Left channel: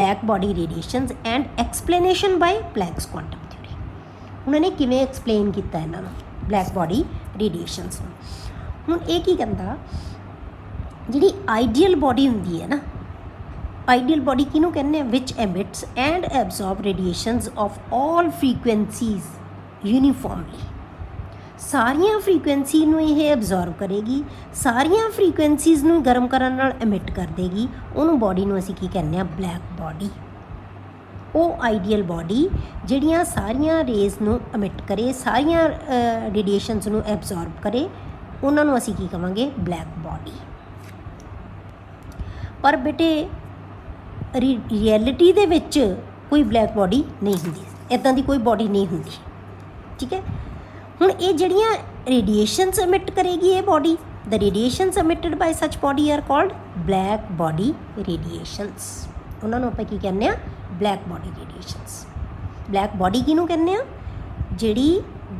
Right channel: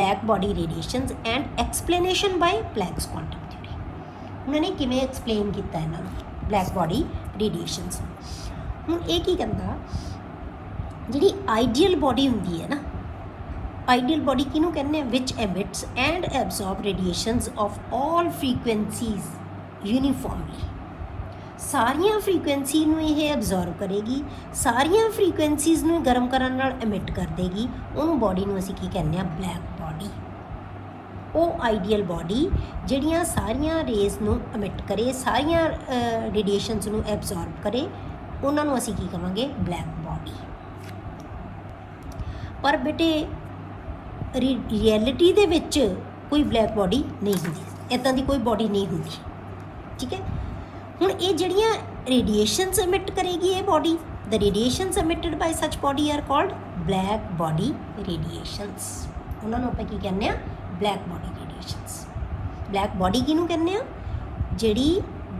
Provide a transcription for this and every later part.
Black body radiations and explanation by Planck's quantum theory. उन्होंने किवें explain किया इन्होंने ब्लैक बॉडी रेडिएशंस। हुण ये की कहंदा जिहड़ी आइडियल बॉडी हुंदी है ना, आइडियल बॉडी किनू कहने which emits and absorb radiations of all frequencies uniformly. सारिया फ्रीकुएंसी नूं ये एब्जॉर्ब करेगी, सारिया फ्रीकुएंसीज नूं गर्म करन नाल एमिट कर देगी। उन बॉडी नूं असीं की कहने ब्लैक बॉडी। वो आइडियल बॉडी जिहड़ियां सारिया रेज नूं एमिट करे, सारिया रेडिएशंस नूं एब्जॉर्ब करे, उन्हां नूं असीं की कहांगे ब्लैक बॉडी। पर बेटे रियलिटी दे विच कोई ब्लैक बॉडी नहीं हुंदी, इदां दी कोई बॉडी नहीं हुंदी। ठीक है, हुण ये जिहड़ियां रेडिएशंस एमिट करेगी ये body, the radiations emitted by such body are called black body radiations. उन्हां नूं आपां की कहने आ black body radiations. Black body किहनूं कहने आ जिहड़ी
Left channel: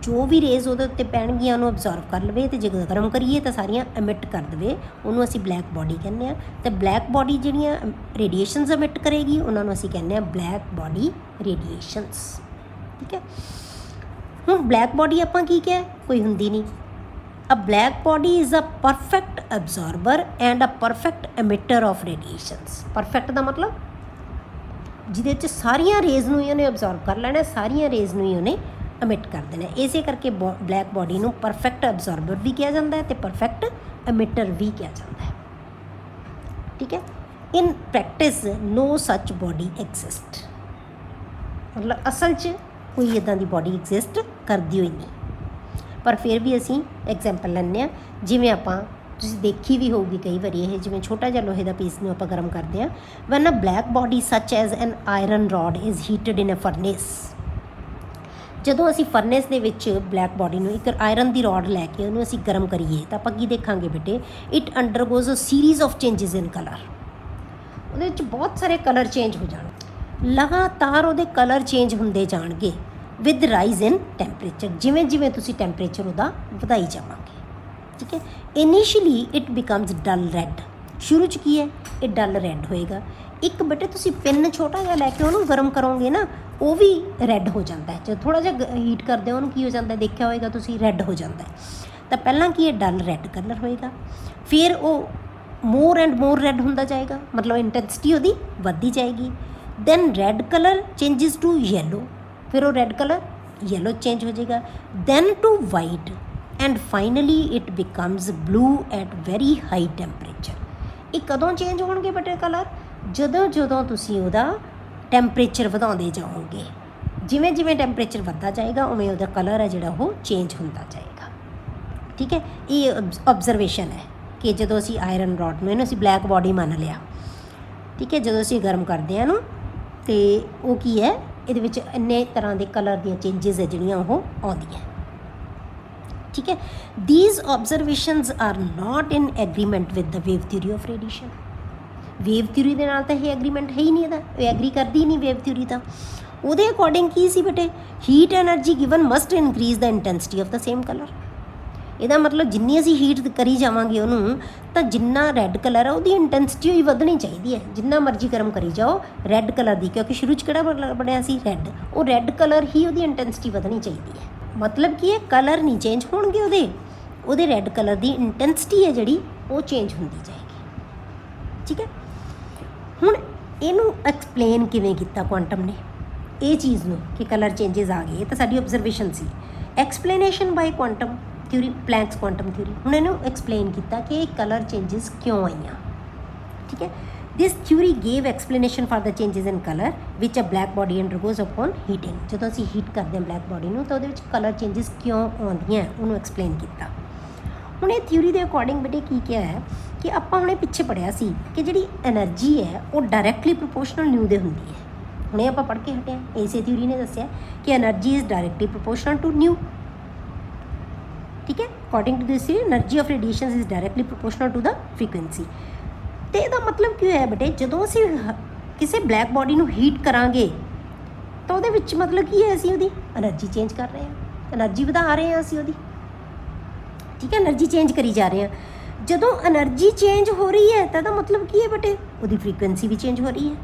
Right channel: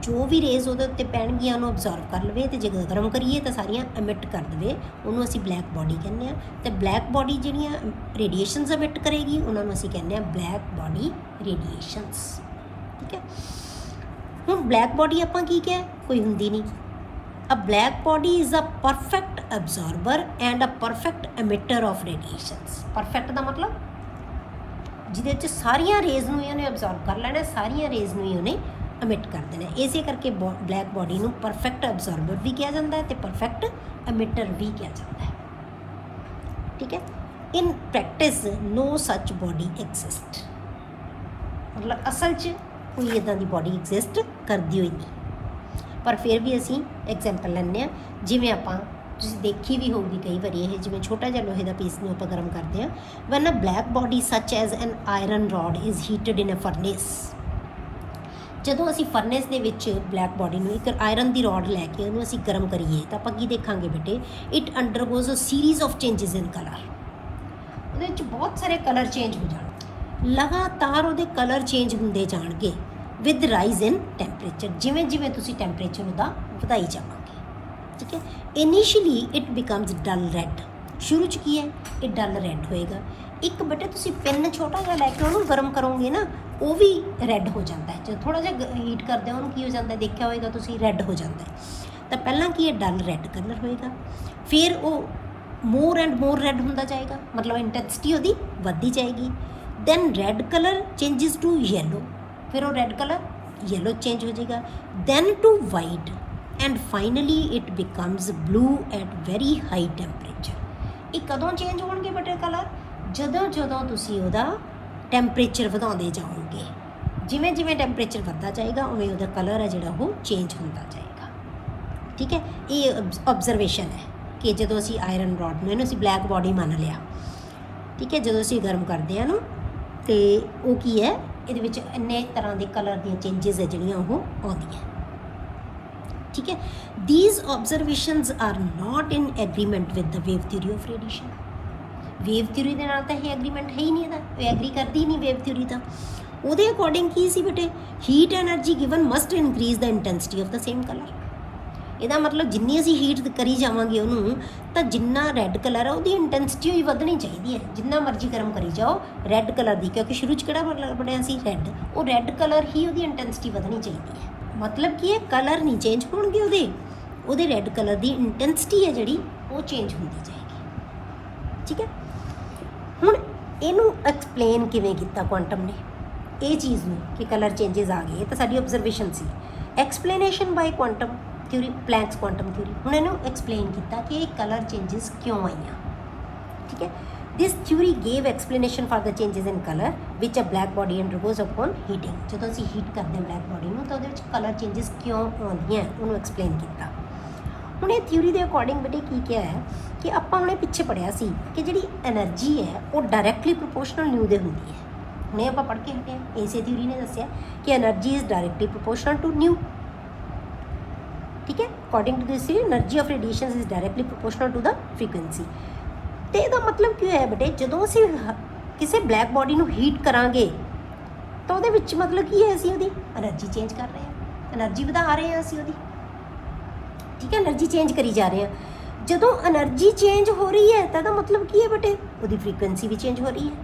जो भी रेज ਉਹਦੇ ਉੱਤੇ ਪੈਣਗੀਆਂ ਉਹਨੂੰ ਅਬਜ਼ਰਵ ਕਰ ਲਵੇ ਤੇ ਜੇ ਗਰਮ ਕਰੀਏ ਤਾਂ ਸਾਰੀਆਂ ਐਮਿਟ ਕਰ ਦੇਵੇ, ਉਹਨੂੰ ਅਸੀਂ ਬਲੈਕ ਬॉडी ਕਹਿੰਦੇ ਆ। ਤੇ ਬਲੈਕ ਬॉडी ਜਿਹੜੀਆਂ ਰੇਡੀਏਸ਼ਨਸ ਐਮਿਟ ਕਰੇਗੀ ਉਹਨਾਂ ਨੂੰ ਅਸੀਂ ਕਹਿੰਦੇ ਆ ਬਲੈਕ ਬॉडी ਰੇਡੀਏਸ਼ਨਸ। ਠੀਕ ਹੈ, ਹੁਣ ਬਲੈਕ ਬॉडी ਆਪਾਂ ਕੀ ਕਿਹਾ, ਕੋਈ ਹੁੰਦੀ ਨਹੀਂ। A black body is a perfect observer and a perfect emitter of radiations. Perfect ਦਾ ਮਤਲਬ ਜਿਹਦੇ 'ਚ ਸਾਰੀਆਂ ਰੇਜ਼ ਨੂੰ ਇਹਨੇ ਅਬਜ਼ਰਵ ਕਰ ਲੈਣਾ, ਸਾਰੀਆਂ ਰੇਜ਼ ਨੂੰ ਇਹਨੇ एमिट कर देना। इसे करके ब्लैक बॉडी को परफेक्ट अबजॉर्बर भी कहा जाता है तो परफेक्ट एमिटर भी कहा जाता है। ठीक है, in practice no such body exist, मतलब असल च कोई इदां दी बॉडी एग्जिस्ट करती हुई नहीं। पर फिर भी असी एग्जाम्पल लैंदे आ, जिवें आपां तुसीं देखी भी होगी कई बार ये जिवें छोटा जिहा लोहे दा पीस नूं आपां गर्म करदे आ, when a black body such as an iron rod is heated in a furnace. ਜਦੋਂ ਅਸੀਂ ਫਰਨੈਸ ਦੇ ਵਿੱਚ ਬਲੈਕ ਬॉडी ਨੂੰ ਇੱਕ ਆਇਰਨ ਦੀ ਰੋਡ ਲੈ ਕੇ ਉਹਨੂੰ ਅਸੀਂ ਗਰਮ ਕਰੀਏ ਤਾਂ ਆਪਾਂ ਕੀ ਦੇਖਾਂਗੇ ਬੇਟੇ, it undergoes a series of changes in colour. ਉਹਦੇ ਵਿੱਚ ਬਹੁਤ ਸਾਰੇ ਕਲਰ ਚੇਂਜ ਹੋ ਜਾਣਗੇ, ਲਗਾਤਾਰ ਉਹਦੇ ਕਲਰ ਚੇਂਜ ਹੁੰਦੇ ਜਾਣਗੇ ਵਿਦ ਰਾਈਜ਼ ਇਨ ਟੈਂਪਰੇਚਰ, ਜਿਵੇਂ ਜਿਵੇਂ ਤੁਸੀਂ ਟੈਂਪਰੇਚਰ ਉਹਦਾ ਵਧਾਈ ਜਾਵਾਂਗੇ। ਠੀਕ ਹੈ, initially it becomes dull red. ਸ਼ੁਰੂ 'ਚ ਕੀ ਹੈ, ਇਹ ਡਲ ਰੈੱਡ ਹੋਏਗਾ। ਇੱਕ ਬੇਟੇ ਤੁਸੀਂ ਪਿੰਨ ਛੋਟਾ ਜਿਹਾ ਲੈ ਕੇ ਉਹਨੂੰ ਗਰਮ ਕਰੋਗੇ ਨਾ, ਉਹ ਵੀ ਰੈੱਡ ਹੋ ਜਾਂਦਾ ਹੈ। ਜਦੋਂ ਥੋੜ੍ਹਾ ਜਿਹਾ ਹੀਟ ਕਰਦੇ ਹੋ ਉਹਨੂੰ ਕੀ ਹੋ ਜਾਂਦਾ, ਦੇਖਿਆ ਹੋਏਗਾ ਤੁਸੀਂ, ਰੈੱਡ ਹੋ ਜਾਂਦਾ ਹੈ। ਤਾਂ ਪਹਿਲਾਂ ਕੀ ਹੈ, ਡਲ ਰੈੱਡ ਕਲਰ ਹੋਏਗਾ, ਫਿਰ ਉਹ ਮੋਰ ਐਂਡ ਮੋਰ ਰੈੱਡ ਹੁੰਦਾ ਜਾਏਗਾ, ਮਤਲਬ ਇੰਟੈਂਸਿਟੀ ਉਹਦੀ ਵੱਧਦੀ ਜਾਏਗੀ। Then red colour changes to yellow, ਫਿਰ ਉਹ ਰੈੱਡ ਕਲਰ ਯੈਲੋ ਚੇਂਜ ਹੋ ਜਾਏਗਾ, then to white and finally it becomes blue at very high temperature. ਇਹ ਕਦੋਂ ਚੇਂਜ ਹੋਣਗੇ ਬੇਟੇ ਕਲਰ, ਜਦੋਂ ਜਦੋਂ ਤੁਸੀਂ ਉਹਦਾ ਟੈਂਪਰੇਚਰ ਵਧਾਉਂਦੇ ਜਾਓਗੇ। ਜਿਵੇਂ ਜਿਵੇਂ ਟੈਂਪਰੇਚਰ ਵੱਧਦਾ ਜਾਏਗਾ ਉਵੇਂ ਉਹਦਾ ਕਲਰ ਹੈ ਜਿਹੜਾ ਉਹ ਚੇਂਜ ਹੁੰਦਾ ਜਾਏਗਾ। ਠੀਕ ਹੈ, ਇਹ ਆਬਜ਼ਰਵੇਸ਼ਨ ਹੈ ਕਿ ਜਦੋਂ ਅਸੀਂ ਆਇਰਨ ਰੋਡ ਨੂੰ ਇਹਨੂੰ ਅਸੀਂ ਬਲੈਕ ਬॉडी ਮੰਨ ਲਿਆ। ਠੀਕ ਹੈ, ਜਦੋਂ ਅਸੀਂ ਗਰਮ ਕਰਦੇ ਹਾਂ ਨਾ ਤੇ ਉਹ ਕੀ ਹੈ, ਇਹਦੇ ਵਿੱਚ ਇੰਨੇ ਤਰ੍ਹਾਂ ਦੇ ਕਲਰ ਦੀਆਂ ਚੇਂਜਸ ਹੈ ਜਿਹੜੀਆਂ ਉਹ ਆਉਂਦੀਆਂ। ਠੀਕ ਹੈ, these observations are not in agreement with the wave theory of radiation. Wave theory ਦੇ ਨਾਲ ਤਾਂ ਇਹ ਐਗਰੀਮੈਂਟ ਹੈ ਹੀ ਨਹੀਂ, ਇਹਦਾ ਇਹ ਐਗਰੀ ਕਰਦੀ ਨਹੀਂ ਵੇਵ ਥਿਊਰੀ ਤਾਂ। ਉਹਦੇ ਅਕੋਰਡਿੰਗ ਕੀ ਸੀ ਬੇਟੇ, heat energy given must increase the intensity of the same colour. ਇਹਦਾ ਮਤਲਬ ਜਿੰਨੀ ਅਸੀਂ ਹੀਟ ਕਰੀ ਜਾਵਾਂਗੇ ਉਹਨੂੰ, ਤਾਂ ਜਿੰਨਾ ਰੈੱਡ ਕਲਰ ਆ ਉਹਦੀ ਇੰਟੈਂਸਿਟੀ ਹੀ ਵਧਣੀ ਚਾਹੀਦੀ ਹੈ। ਜਿੰਨਾ ਮਰਜ਼ੀ ਗਰਮ ਕਰੀ ਜਾਓ ਰੈੱਡ ਕਲਰ ਦੀ, ਕਿਉਂਕਿ ਸ਼ੁਰੂ 'ਚ ਕਿਹੜਾ ਬਣਿਆ ਸੀ, ਰੈੱਡ, ਉਹ ਰੈੱਡ ਕਲਰ ਹੀ ਉਹਦੀ ਇੰਟੈਂਸਿਟੀ ਵਧਣੀ ਚਾਹੀਦੀ ਹੈ। ਮਤਲਬ ਕੀ ਹੈ, ਕਲਰ ਨਹੀਂ ਚੇਂਜ ਹੋਣਗੇ ਉਹਦੇ ਰੈੱਡ ਕਲਰ ਦੀ ਇੰਟੈਂਸਿਟੀ ਹੈ ਜਿਹੜੀ ਉਹ ਚੇਂਜ ਹੁੰਦੀ ਜਾਏਗੀ। ਠੀਕ ਹੈ, ਹੁਣ ਇਹਨੂੰ ਐਕਸਪਲੇਨ ਕਿਵੇਂ ਕੀਤਾ ਕੁਆਂਟਮ ਨੇ ਇਹ ਚੀਜ਼ ਨੂੰ ਕਿ ਕਲਰ ਚੇਂਜਸ ਆ ਗਏ, ਤਾਂ ਸਾਡੀ ਆਬਜ਼ਰਵੇਸ਼ਨ ਸੀ। ਐਕਸਪਲੇਨੇਸ਼ਨ ਬਾਈ quantum theory, Planck's quantum theory, ਉਹਨਾਂ ਨੂੰ ਐਕਸਪਲੇਨ ਕੀਤਾ ਕਿ ਇਹ ਕਲਰ ਚੇਂਜਸ ਕਿਉਂ ਆਈਆਂ। ਠੀਕ ਹੈ, this theory gave explanation for the changes in colour which a black body undergoes upon heating. ਜਦੋਂ ਅਸੀਂ ਹੀਟ ਕਰਦੇ ਹਾਂ ਬਲੈਕ ਬॉडी ਨੂੰ ਤਾਂ ਉਹਦੇ ਵਿੱਚ ਕਲਰ ਚੇਂਜਸ ਕਿਉਂ ਆਉਂਦੀਆਂ ਉਹਨੂੰ ਐਕਸਪਲੇਨ ਕੀਤਾ। ਹੁਣ ਇਹ ਥਿਊਰੀ ਦੇ ਅਕੋਰਡਿੰਗ ਬੇਟੇ ਕੀ ਕਿਹਾ ਹੈ ਕਿ ਆਪਾਂ ਉਹਨੇ ਪਿੱਛੇ ਪੜ੍ਹਿਆ ਸੀ ਕਿ ਜਿਹੜੀ ਐਨਰਜੀ ਹੈ ਉਹ ਡਾਇਰੈਕਟਲੀ ਪ੍ਰੋਪੋਰਸ਼ਨਲ ਨਿਊ ਦੇ ਹੁੰਦੀ ਹੈ। ਹੁਣੇ ਆਪਾਂ ਪੜ੍ਹ ਕੇ ਹਟੇ, ਇਸੇ ਥਿਊਰੀ ਨੇ ਦੱਸਿਆ ਕਿ energy is directly proportional to nu. ਠੀਕ ਹੈ, according to this energy of radiation is directly proportional to the frequency. ਅਤੇ ਇਹਦਾ ਮਤਲਬ ਕੀ ਹੈ ਬੇਟੇ, ਜਦੋਂ ਅਸੀਂ ਕਿਸੇ ਬਲੈਕ ਬॉडी ਨੂੰ ਹੀਟ ਕਰਾਂਗੇ ਤਾਂ ਉਹਦੇ ਵਿੱਚ ਮਤਲਬ ਕੀ ਹੈ, ਅਸੀਂ ਉਹਦੀ ਐਨਰਜੀ ਚੇਂਜ ਕਰ ਰਹੇ ਹਾਂ, ਐਨਰਜੀ ਵਧਾ ਰਹੇ ਹਾਂ ਅਸੀਂ ਉਹਦੀ। ਠੀਕ ਹੈ, ਐਨਰਜੀ ਚੇਂਜ ਕਰੀ ਜਾ ਰਹੇ ਹਾਂ। ਜਦੋਂ એનર્ਜੀ ਚੇਂਜ ਹੋ ਰਹੀ ਹੈ ਤਾਂ ਇਹਦਾ ਮਤਲਬ ਕੀ ਹੈ ਬੇਟੇ, ਉਹਦੀ ਫ੍ਰੀਕੁਐਂਸੀ ਵੀ ਚੇਂਜ ਹੋ ਰਹੀ ਹੈ।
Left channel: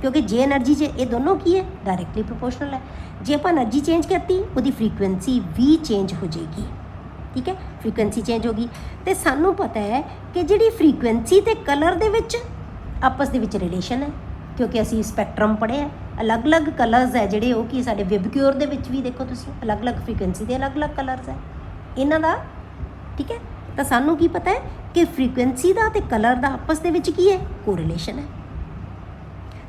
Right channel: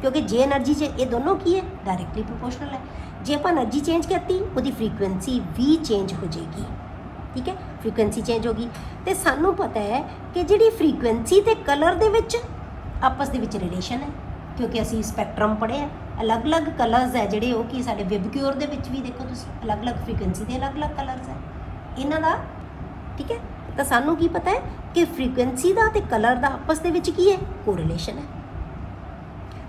क्योंकि जे एनर्जी च ये दोनों की है डायरेक्टली प्रोपोर्शनल है। जे आप एनर्जी चेंज करती वो फ्रीकुएंसी भी चेंज हो जाएगी, ठीक है, फ्रीकुएंसी चेंज होगी। तो सानू पता है कि जी फ्रीकुएंसी तो कलर के आपस के रिलेशन है, क्योंकि असी स्पैक्ट्रम पढ़े है, अलग अलग कलर्स है जोड़े वो कि साढ़े विबक्योर के भी देखो तुम अलग अलग फ्रीकुएंसी के अलग अलग कलर्स है इन्हों का, ठीक है। तो सानू की पता है कि फ्रीकुएंसी का तो कलर का आपस की है कोरिलेशन है।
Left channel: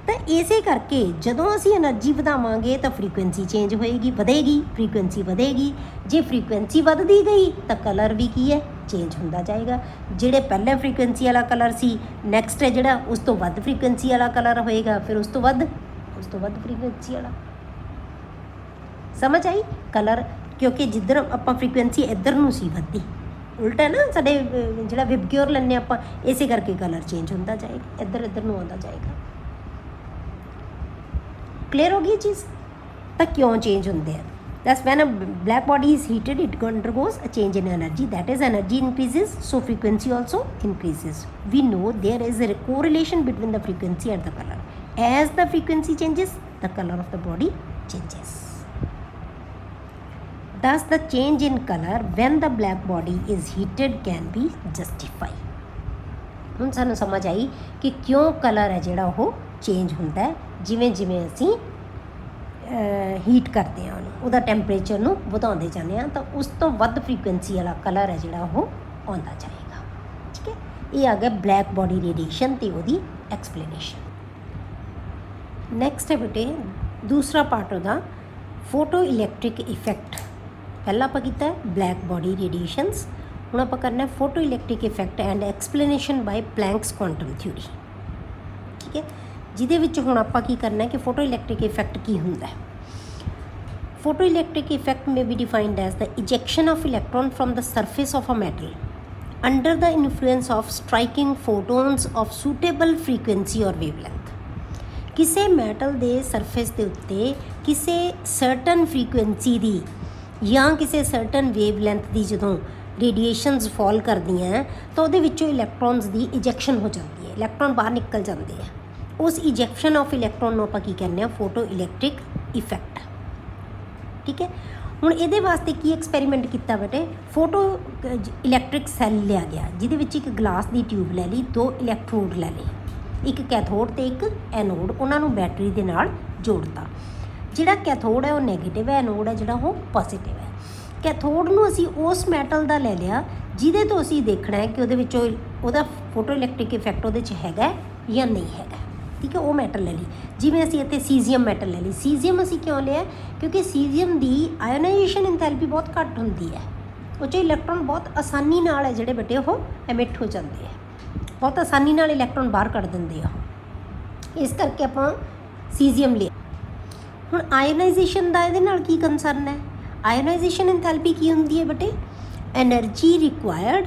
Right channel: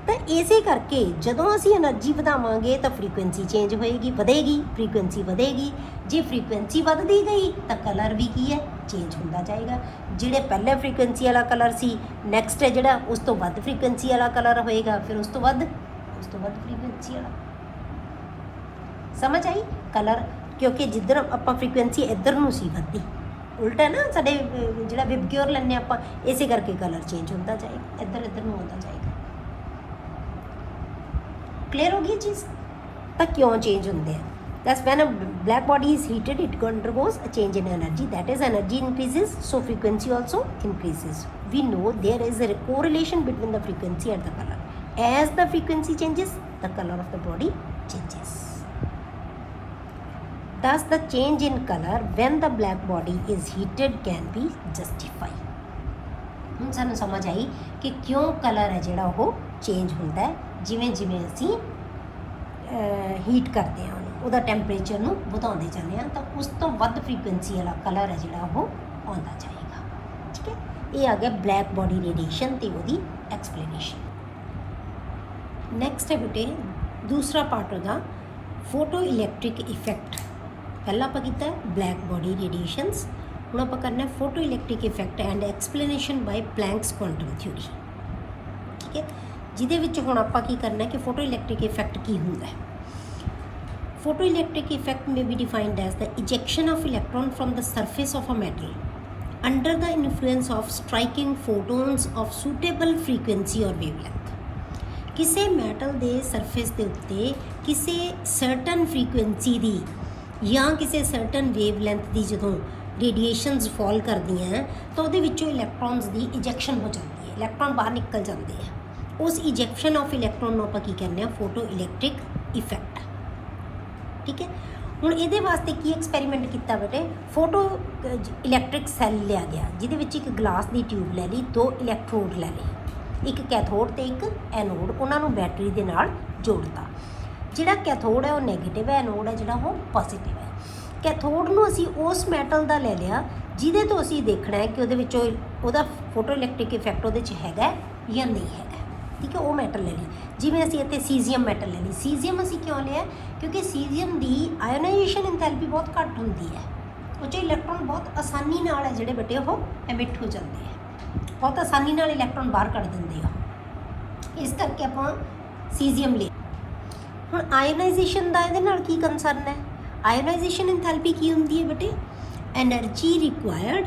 तो इस करके जो असी एनर्जी बढ़ावांगे तो फ्रीकुएंसी चेंज होएगी, बढ़ेगी, फ्रीकुएंसी बढ़ेगी। जे फ्रीकुएंसी बढ़ती गई तो कलर भी की है चेंज होता जाएगा। जोड़े पहले फ्रीकुएंसी वाला कलर सी नैक्सट है जोड़ा उस तो वध फ्रीकुएंसी वाला कलर होएगा, फिर उस तो वध फ्रीकुएंसी वाला। समझ आई कलर, क्योंकि जिधर आप फ्रीकुएंसी इधर नूं सी वधदी, उल्टा है ना साडे जिहड़ा विबक्योर लैंदे आप, इस करके कलर चेंज होता जाएगा, इधर इधर नूं आउंदा जाएगा। क्लियर हो गई चीज़? तो क्यों चेंज होंगे? Thus, when a black body is heated, it undergoes a change in energy. That is, energy increases, so frequency also increases. We know there is a correlation between the frequency and the color. As the frequency changes, the color of the body changes. Thus, the change in color when the black body is heated can be justified. ਹੁਣ ਸਾਨੂੰ समझ आई कि क्यों colour है जोड़ा वो change होता है जिमें जिमें असी हीट करते हैं ਉਹਦਾ ਟੈਂਪਰੇਚਰ ਨੂੰ ਵਧਾਉਂਦੇ ਜਾਂਦੇ ਹਾਂ, ਤਾਂ ਉਸ ਤੋਂ ਵੱਧ ਫ੍ਰੀਕੁਐਂਸੀ ਵਾਲਾ ਕਲਰ ਹੈ ਜਿਹੜਾ ਉਹ ਆਉਂਦਾ ਜਾਏਗਾ, ਠੀਕ ਹੈ। ਇਹ ਆ ਗਿਆ ਬਲੈਕ ਬੋਡੀ ਰੇਡੀਏਸ਼ਨ ਦੀ ਉਹਦੀ ਐਕਸਪਲੇਨੇਸ਼ਨ। ਨੈਕਸਟ ਹੈ ਬੇਟੇ ਦੂਸਰਾ ਪਾਰਟ ਉਹਦਾ ਫੋਟੋ ਇਲੈਕਟ੍ਰਿਕ ਇਫੈਕਟ। ਪਹਿਲਾਂ ਆਪਾਂ ਕੀਤਾ ਬਲੈਕ ਬੋਡੀ ਰੇਡੀਏਸ਼ਨਸ, ਹੁਣ ਆਪਾਂ ਕਰਨਾ photo electric effect and explanation by Planck's quantum theory, ਠੀਕ ਹੈ। ਜਿਹਦੇ ਵਿੱਚ ਹੁਣ ਆਪਾਂ ਕੀ ਕਰਨਾ ਕਿ ਫੋਟੋ ਇਲੈਕਟ੍ਰਿਕ ਇਫੈਕਟ ਕੀ ਹੁੰਦਾ ਹੈ। Photoelectric effect may be defined as the ejection of electron from the surface of a metal under the influence of striking photons of suitable frequency or wavelength. किसी metal ਦੇ surface ਦੇ ਉੱਤੇ ਕਿਸੇ certain frequency ਦੀ ਜਾਂ ਕਿਸੇ certain wavelength ਦੀ ਜਦੋਂ radiations fall ਕਰਦੀਆਂ ਹੈ ਤਾਂ ਉਹਦੇ ਵਿੱਚੋਂ electrons ਦੀ ejection ਹੋ ਜਾਂਦੀ ਹੈ, electron ਬਾਹਰ ਨਿਕਲ ਜਾਂਦੇ ਹੈ। ਉਸ ejection of electron ਨੂੰ ਆਪਾਂ ਕੀ ਕਹਿੰਦੇ ਆ photoelectric effect, ठीक है। ਹੁਣ ਇਹਦੇ ਵਾਸਤੇ ਕੀ ਐਕਸਪੈਰੀਮੈਂਟ ਕੀਤਾ ਬੇਟੇ, ਫੋਟੋ ਇਲੈਕਟ੍ਰਿਕ ਸੈੱਲ ਲਿਆ ਗਿਆ ਜਿਹਦੇ ਵਿੱਚ ਇੱਕ ਗਲਾਸ ਦੀ ਟਿਊਬ ਲੈ ਲਈ, ਦੋ ਇਲੈਕਟ੍ਰੋਡ ਲੈ ਲਏ, ਇੱਕ ਕੈਥੋਡ ਤੇ ਇੱਕ ਐਨੋਡ, ਉਹਨਾਂ ਨੂੰ ਬੈਟਰੀ ਦੇ ਨਾਲ ਜੋੜਤਾ। ਜਿਹੜਾ ਕੈਥੋਡ ਹੈ ਉਹ ਨੈਗੇਟਿਵ ਹੈ, ਐਨੋਡ ਹੈ ਜਿਹੜਾ ਉਹ ਪੋਜ਼ਿਟਿਵ ਹੈ। ਕੈਥੋਡ ਨੂੰ ਅਸੀਂ ਉਸ ਮੈਟਲ ਦਾ ਲੈ ਲਿਆ ਜਿਹਦੇ ਤੋਂ ਅਸੀਂ ਦੇਖਣਾ ਹੈ ਕਿ ਉਹਦੇ ਵਿੱਚੋਂ ਉਹਦਾ ਫੋਟੋ ਇਲੈਕਟ੍ਰਿਕ ਇਫੈਕਟ ਉਹਦੇ 'ਚ ਹੈਗਾ ਜਾਂ ਨਹੀਂ ਹੈਗਾ, ਠੀਕ ਹੈ। ਉਹ ਮੈਟਲ ਲੈ ਲਈ, ਜਿਵੇਂ ਅਸੀਂ ਇੱਥੇ ਸੀਜ਼ੀਅਮ ਮੈਟਲ ਲੈ ਲਈ। ਸੀਜ਼ੀਅਮ ਅਸੀਂ ਕਿਉਂ ਲਿਆ? ਕਿਉਂਕਿ ਸੀਜ਼ੀਅਮ ਦੀ ਆਇਓਨਾਈਜੇਸ਼ਨ ਇੰਥੈਲਪੀ ਬਹੁਤ ਘੱਟ ਹੁੰਦੀ ਹੈ, ਉਹ 'ਚ ਇਲੈਕਟ੍ਰੋਨ ਬਹੁਤ ਆਸਾਨੀ ਨਾਲ ਹੈ ਜਿਹੜੇ ਬੇਟੇ ਉਹ ਐਮਿਟ ਹੋ ਜਾਂਦੇ ਆ, ਬਹੁਤ ਆਸਾਨੀ ਨਾਲ ਇਲੈਕਟ੍ਰੋਨ ਬਾਹਰ ਕੱਢ ਦਿੰਦੇ ਆ, ਇਸ ਕਰਕੇ ਆਪਾਂ ਸੀਜ਼ੀਅਮ ਲਿਆ। ਹੁਣ ਆਇਓਨਾਈਜੇਸ਼ਨ ਦਾ ਇਹਦੇ ਨਾਲ ਕੀ ਕੰਸਰਨ ਹੈ? ਆਇਓਨਾਈਜੇਸ਼ਨ ਇੰਥੈਲਪੀ ਕੀ ਹੁੰਦੀ ਹੈ ਬੇਟੇ? Energy required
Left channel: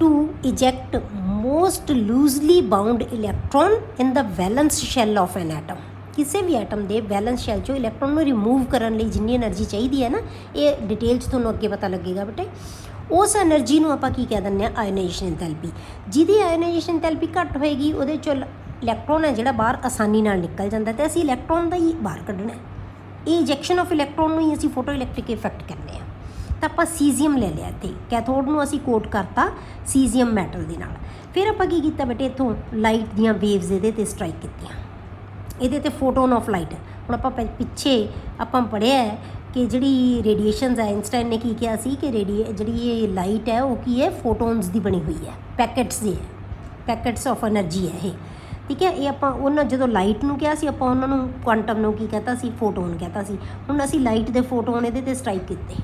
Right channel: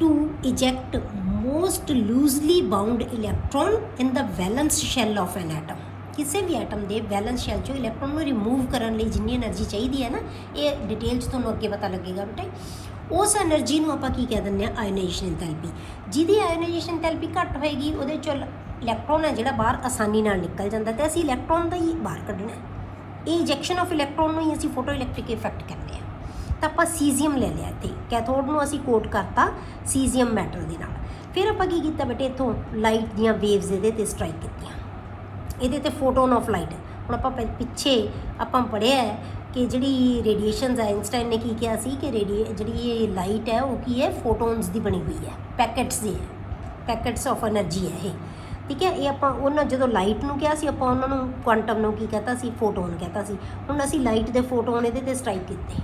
to eject most loosely bound electron in the valence shell of an atom। किसी भी एटम के वैलेंस शैल चो इलैक्ट्रॉन को रिमूव करने लिए जिन्नी एनर्जी चाहिए है ना, ये डिटेल्स तो अगे पता लगेगा बेटे। उस एनर्जी को आप कह दें आयनाइजेशन इंथैल्पी। जिहदी आयनाइजेशन इंथैल्पी घट होएगी उहदे चो इलैक्ट्रॉन है जिहड़ा बाहर आसानी नाल निकल जाता है, तो असीं इलैक्ट्रॉन का ही बाहर कढ़ना है। ये इंजैक्शन ऑफ इलैक्ट्रॉन ही असीं फोटो इलैक्ट्रिक इफैक्ट कहते हैं। तो आप सीजीयम ले लिया थे, कैथोड को असीं कोट करता सीजीयम मैटल के नाल। फिर आप की किया बेटे इतों लाइट दियाँ वेव्स ये स्ट्राइक की, ये फोटोन ऑफ लाइट। हम आप पिछे आप पढ़िया है कि जी रेडिएशन आइंस्टाइन ने की किया सी कि जी ये लाइट है वो की है फोटोन्स की बनी हुई है, पैकेट्स जी है, पैकेट्स ऑफ एनर्जी है ये, ठीक है। ये आप जो लाइट में कहा आप उन्होंने क्वांटम में की कहता सी फोटोन कहता। हम असी लाइट के फोटोन ये स्ट्राइक किए,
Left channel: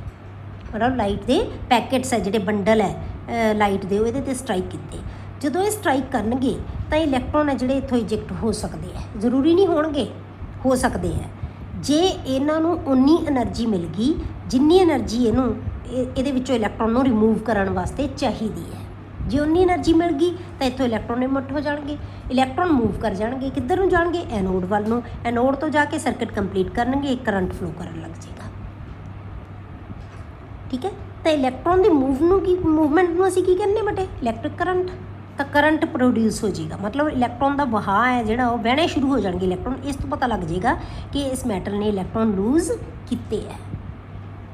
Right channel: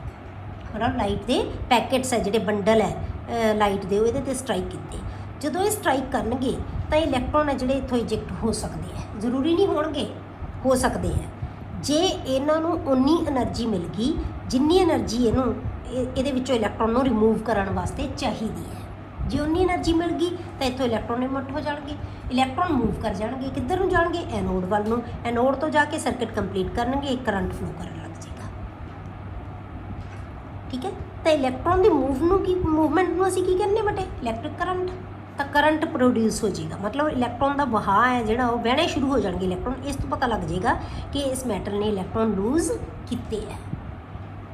मतलब लाइट के पैकेट्स है जोड़े बंडल है लाइट के वो स्ट्राइक किए। जो ये स्ट्राइक करनगे तो इलैक्ट्रॉन है जोड़े इतों इजैक्ट हो सकते हैं, जरूरी नहीं होणगे, हो सकते हैं। जे इन्हों उन्नी एनर्जी मिल गई जिन्नी एनर्जी ये इलैक्ट्रॉन को रिमूव करने वास्ते चाहिए है। जे उन्नी एनर्जी मिल गई तो इतों इलैक्ट्रॉन इमिट हो जाएंगे, इलैक्ट्रॉन मूव कर जाएंगे, किधर नूं जाएंगे? एनोड वाल नूं। एनोड तो जाके सर्किट कंप्लीट करनगे, करंट फ्लो करन लग जाएगा, ठीक है। तो इलैक्ट्रॉन की मूवमेंट में असीं की कहने बेटे? Electric current. ਤਾਂ ਕਰੰਟ ਪ੍ਰੋਡਿਊਸ ਹੋ ਜਾਏਗਾ, ਮਤਲਬ ਇਲੈਕਟ੍ਰੋਨ ਦਾ ਵਹਾਅ ਹੈ ਜਿਹੜਾ ਉਹ ਵਹਿਣੇ ਸ਼ੁਰੂ ਹੋ ਜਾਣਗੇ ਇਲੈਕਟ੍ਰੋਨ। ਇਸ ਤੋਂ ਪਤਾ ਲੱਗ ਜਾਏਗਾ ਕਿ ਇਸ ਮੈਟਲ ਨੇ ਇਲੈਕਟ੍ਰੋਨ ਲੂਜ਼ ਕੀਤੇ ਹੈ।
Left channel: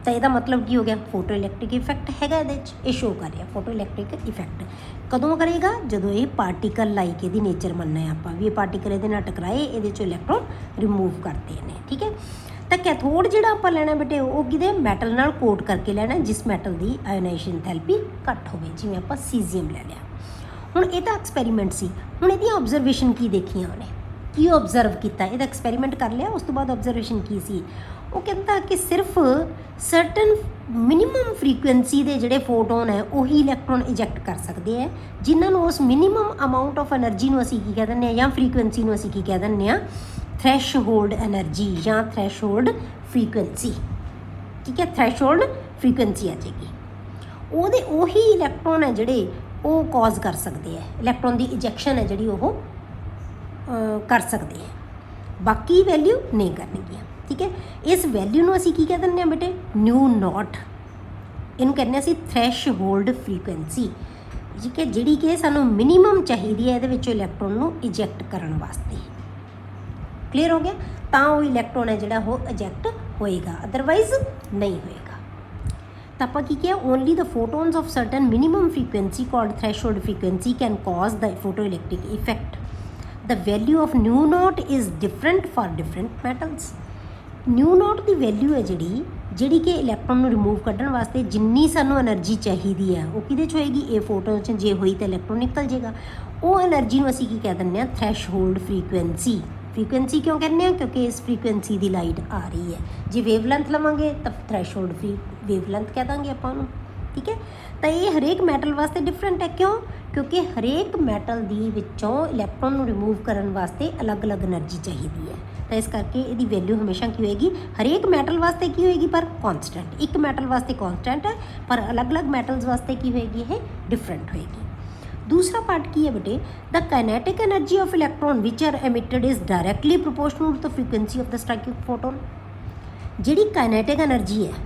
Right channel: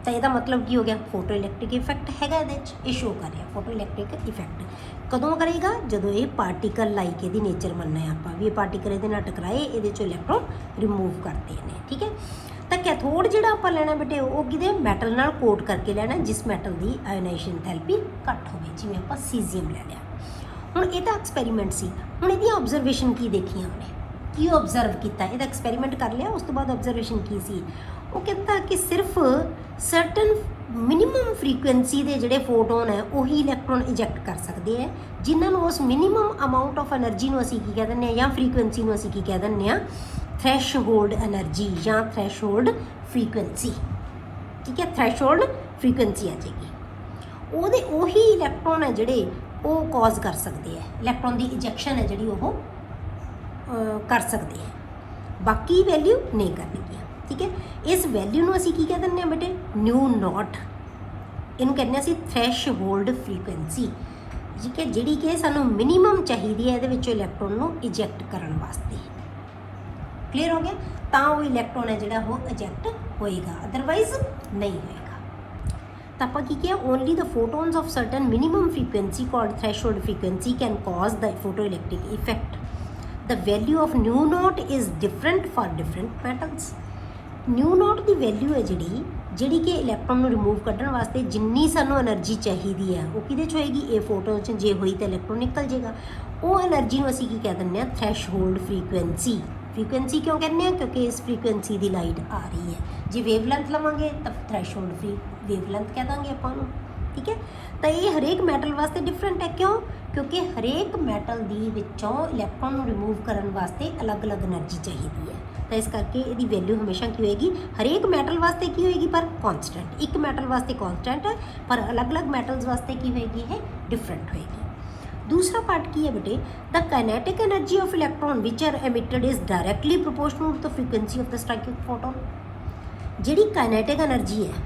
ਤਾਂ ਇਹਦਾ ਮਤਲਬ ਕੀ ਹੋ ਗਿਆ, ਫੋਟੋ ਇਲੈਕਟ੍ਰਿਕ ਇਫੈਕਟ ਹੈਗਾ ਇਹਦੇ 'ਚ, ਇਹ ਸ਼ੋ ਕਰ ਰਿਹਾ ਫੋਟੋ ਇਲੈਕਟ੍ਰਿਕ ਇਫੈਕਟ। ਕਦੋਂ ਕਰੇਗਾ, ਜਦੋਂ ਇਹ ਪਾਰਟੀਕਲ ਲਾਈਕ ਇਹਦੀ ਨੇਚਰ ਮੰਨਣਾ ਹੈ ਆਪਾਂ ਵੀ ਇਹ ਪਾਰਟੀਕਲ ਇਹਦੇ ਨਾਲ ਟਕਰਾਏ, ਇਹਦੇ 'ਚੋਂ ਇਲੈਕਟ੍ਰੋਨ ਰਿਮੂਵ ਕਰਦੇ ਨੇ। ਠੀਕ ਹੈ, ਤਾਂ ਕੈਥੋਡ ਜਿਹੜਾ ਆਪਾਂ ਲੈਣਾ ਬੇਟੇ ਉਹ ਕਿਹਦੇ ਮੈਟਲ ਨਾਲ ਕੋਟ ਕਰਕੇ ਲੈਣਾ, ਜਿਸ ਮੈਟਲ ਦੀ ਆਇਓਨਾਈਜੇਸ਼ਨ ਥੈਰੇਪੀ ਘੱਟ ਹੋਵੇ, ਜਿਵੇਂ ਆਪਾਂ ਸੀਜ਼ੀਅਮ ਲੈਣਾ। ਹੁਣ ਇਹ ਤਾਂ ਐਕਸਪੈਰੀਮੈਂਟ ਸੀ, ਹੁਣ ਇਹਦੀ ਆਬਜ਼ਰਵੇਸ਼ਨ ਕੀ ਦੇਖੀਆਂ ਉਹਨੇ, ਕੀ ਓਬਜ਼ਰਵ ਕੀਤਾ, ਇਹਦਾ ਐਕਸਪੈਰੀਮੈਂਟ ਕਰ ਲਿਆ, ਉਸ ਤੋਂ ਬਾਅਦ ਆਬਜ਼ਰਵੇਸ਼ਨ ਕੀ ਸੀ। ਉਹ ਕਹਿੰਦਾ ਕਿ ਸਿਰਫ ਸਰਟਨ ਮਿਨੀਮਮ ਫ੍ਰੀਕੁਐਂਸੀ ਦੇ ਜਿਹੜੇ ਫੋਟੋਨ ਹੈ ਉਹੀ ਇਲੈਕਟ੍ਰੋਨ ਇਜੈਕਟ ਕਰ ਸਕਦੇ ਹੈ, ਜਿਨ੍ਹਾਂ ਨੂੰ ਉਸ ਮਿਨੀਮਮ ਅਮਾਊਂਟ ਆਫ એનર્ਜੀ ਨੂੰ ਅਸੀਂ ਕੀ ਕਹਿ ਦਿੰਦੇ ਹਾਂ, ਜਾਂ ਫ੍ਰੀਕੁਐਂਸੀ ਨੂੰ ਅਸੀਂ ਕੀ ਕਹਿ ਦਿੰਦੇ ਹਾਂ, ਥ੍ਰੈਸ਼ਹੋਲਡ એનર્ਜੀ ਜਾਂ ਥ੍ਰੈਸ਼ਹੋਲਡ ਫ੍ਰੀਕੁਐਂਸੀ। ਠੀਕ ਹੈ, ਥ੍ਰੈਸ਼ਹੋਲਡ ਫ੍ਰੀਕੁਐਂਸੀ ਆ ਜਾਏਗੀ, ਉਹਦੇ ਉਹੀ ਇਲੈਕਟ੍ਰੋਨ ਹੈ ਜਿਹੜੇ ਉਹ ਕਾਜ਼ ਕਰ ਸਕਦੇ ਹੈ, ਇਲੈਕਟ੍ਰੋਨ ਦੀ ਇਜੈਕਸ਼ਨ ਹੈ ਜਿਹੜੀ ਉਹ ਕਰ ਸਕਦੇ ਹੈ, ਬਾਕੀ ਵੈਲਿਊ ਨਹੀਂ ਕਰਨਗੇ। ਠੀਕ ਹੈ, ਇਸ ਵੈਲਿਊ ਨੂੰ ਅਸੀਂ ਕੀ ਕਹਿ ਦਿੰਦੇ ਹਾਂ ਬੇਟੇ, ਨਿਊ ਨੋਟ, ਇਹਨੂੰ ਕਹਿੰਦੇ ਅਸੀਂ ਥ੍ਰੈਸ਼ਹੋਲਡ ਫ੍ਰੀਕੁਐਂਸੀ। ਠੀਕ ਹੈ, ਜਿਹੜੀ ਕਿ ਸਾਨੂੰ ਮਿਨੀਮਮ ਚਾਹੀਦੀ ਹੈ ਇਹਦੇ ਵਿੱਚੋਂ ਇਲੈਕਟ੍ਰੋਨ ਨੂੰ ਇਜੈਕਟ ਕਰਨ ਵਾਸਤੇ। ਕਲੀਅਰ ਹੋ ਗਿਆ, ਤਾਂ ਉਹ ਇਲੈਕਟ੍ਰੋਨ ਹੈ ਜਿਹੜਾ ਉਹ ਇਜੈਕਟ ਹੋਏਗਾ, ਅਦਰਵਾਈਜ਼ ਨਹੀਂ ਹੋਏਗਾ। ਤਾਂ ਆਪਾਂ ਕੀ ਕਿਹਾ, only the photons of certain minimum frequency called threshold frequency can cause the photo electric effect. The value of new naught is different for different metals. New note the value ਹੈ ਜਿਹੜੀ ਕਿ electron ਨੂੰ remove ਕੱਢਣ ਵਾਸਤੇ ਜਿੰਨੀ ਸਾਨੂੰ energy ਚਾਹੀਦੀ ਹੈ ਉਹ ਕਿਹਦੇ 'ਚ ਹੋਏਗੀ, ਇਹ ਫੋਟੋਨ 'ਚ ਜੇ ਹੋਈ ਤਾਂ ਇਲੈਕਟ੍ਰੋਨ ਨਿਕਲ ਜਾਏਗਾ। ਉਹ એનર્ਜੀ ਨੂੰ ਅਸੀਂ ਕੀ ਕਹਿ ਦਿੰਦੇ ਹਾਂ, ਥ੍ਰੈਸ਼ਹੋਲਡ ਫ੍ਰੀਕੁਐਂਸੀ। ਫ੍ਰੀਕੁਐਂਸੀ ਕਿਉਂ ਕਹਿੰਦੇ ਹਾਂ, ਕਿਉਂਕਿ ਇਸ ਫ੍ਰੀਕੁਐਂਸੀ ਦੀ ਲਾਈਟ ਆ ਰਹੀ ਹੈ। ਜੇ ਵੇਵਲੈਂਥ ਲਵਾਂਗੇ ਤਾਂ ਥ੍ਰੈਸ਼ਹੋਲਡ ਵੇਵਲੈਂਥ ਕਹਿ ਦਾਂਗੇ ਆਪਾਂ ਨੂੰ। ਠੀਕ ਹੈ, ਤਾਂ ਇਹ ਹਰੇਕ ਮੈਟਲ ਵਾਸਤੇ ਡਿਫਰੈਂਟ ਹੈ। ਕਿਉਂ, ਕਿਉਂਕਿ ਹਰੇਕ ਮੈਟਲ ਦੀ ਵਿੱਚੋਂ ਇਲੈਕਟ੍ਰੋਨ ਨੂੰ ਰਿਮੂਵ ਕਰਨ ਵਾਸਤੇ ਅਲੱਗ-ਅਲੱਗ એનર્ਜੀ ਚਾਹੀਦੀ ਹੈ। ਤਾਂ ਇਸ ਕਰਕੇ ਇਹਦੀ ਵੈਲਿਊ ਹਮੇਸ਼ਾ ਕੀ ਹੋਏਗੀ, ਹਰੇਕ ਮੈਟਲ ਵਾਸਤੇ ਕੀ ਹੋਏਗੀ, ਪਰ ਕੌਨਸਟੈਂਟ। ਇੱਕ ਮੈਟਲ ਵਾਸਤੇ ਕੌਨਸਟੈਂਟ ਹੈ, ਪਰ ਅਲੱਗ-ਅਲੱਗ ਮੈਟਲਸ ਵਾਸਤੇ ਕੀ ਹੋਏਗੀ, ਇਹ ਡਿਫਰੈਂਟ ਹੋਏਗੀ। दूसरा पार्ट की है बेटे, the kinetic energy of electron which are emitted is directly proportional to the frequency of the striking photon. जी काइनेटिक एनर्जी है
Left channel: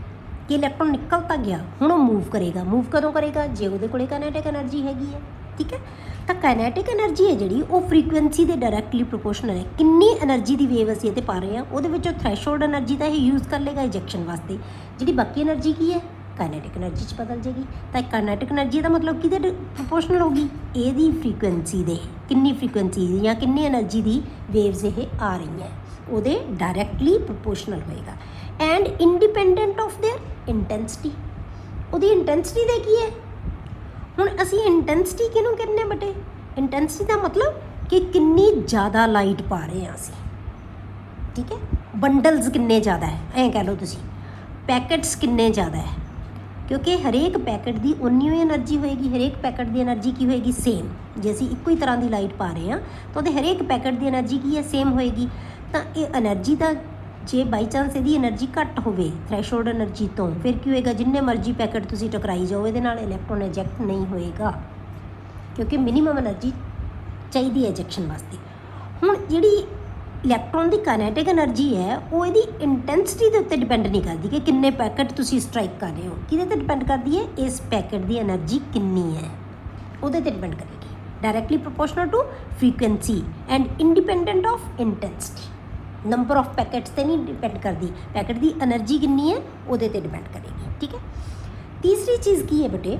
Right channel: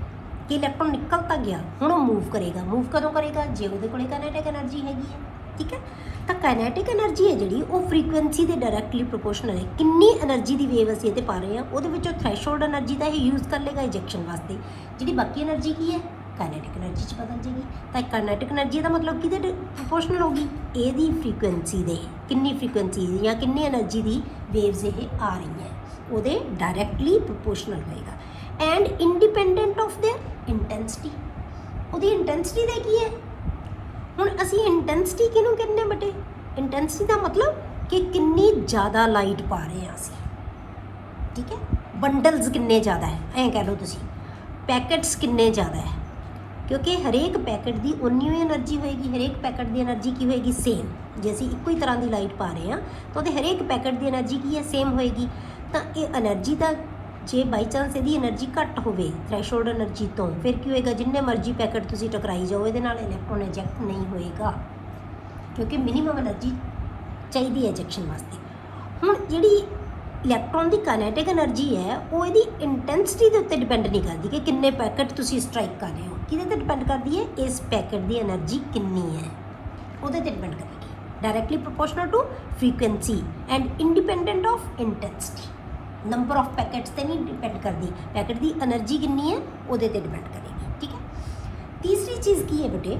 कि इलैक्ट्रॉन निकल तो गया, हुण वो मूव करेगा, मूव कदों करेगा, जे उहदे कोल काइनेटिक एनर्जी हैगी है। ठीक है, तो काइनेटिक एनर्जी है जी वो फ्रीक्वेंसी के डायरेक्टली प्रोपोर्शनल है। कितनी एनर्जी की वेव असीं इत्थे पा रहे हैं, उहदे विचों थ्रैशहोल्ड एनर्जी का ही यूज़ कर लेगा इजैक्शन वास्ते, जी बाकी एनर्जी की है काइनेटिक एनर्जी च बदल जाएगी। तो काइनेटिक एनर्जी का मतलब कि प्रोपोर्शनल होगी ਇਹਦੀ फ्रीकुएंसी ਦੇ, कितनी फ्रीकुएंसी या कितनी एनर्जी की वेव्स ये आ रही है ਉਹਦੇ डायरेक्टली प्रोपोर्शनल होएगा and independent of their intensity. ਉਹਦੀ इंटेंसिटी ਦਾ ਕੀ है, ਹੁਣ ਅਸੀਂ इंटेंसिटी किहनूं कहने बटे, इंटेंसिटी का मतलब कि कितनी ज़्यादा लाइट पा रहे हैं ਅਸੀਂ। ठीक है, बंडल्स कितने ज़्यादा है, ऐ कह लो तुसीं, पैकेट्स कितने ज़्यादा है, क्योंकि हरेक पैकेट की उन्नी ही एनर्जी होएगी, हरेक पैकेट की एनर्जी की होएगी सेम। जे असीं इक्को ही तरह की लाइट पा रहे हैं तो वो हरेक पैकेट की एनर्जी की है सेम होएगी। तो ये एनर्जी का जे बाई चांस यदि एनर्जी घट होवे थ्रैशहोल्ड एनर्जी तो फिर की होएगा, जिन्ने मर्जी पैकेट तुसीं टकराई जाओ ये इलैक्ट्रॉन इजैक्ट नहीं होएगा, क्योंकि मिनीमम एनर्जी चाहिए इजैक्शन वास्ते। हुण जिहड़ी इलैक्ट्रॉन की काइनेटिक एनर्जी है वो यदि इंटेंसिटी के उत्ते डिपेंड नहीं करती कि किन्ने पैकेट तुसीं स्ट्राइक कर रहे हो, किहदे ते डिपेंड करती है, इस पैकेट की एनर्जी कितनी है उहदे ते डिपेंड करेगी, directly proportional to frequency and independent of intensity. Number of packets ते नहीं डिपेंड करती, पैकेट की एनर्जी कितनी है उहदे ते डिपेंड करेगी। ठीक है, तीसरी चीज़ की है बेटे,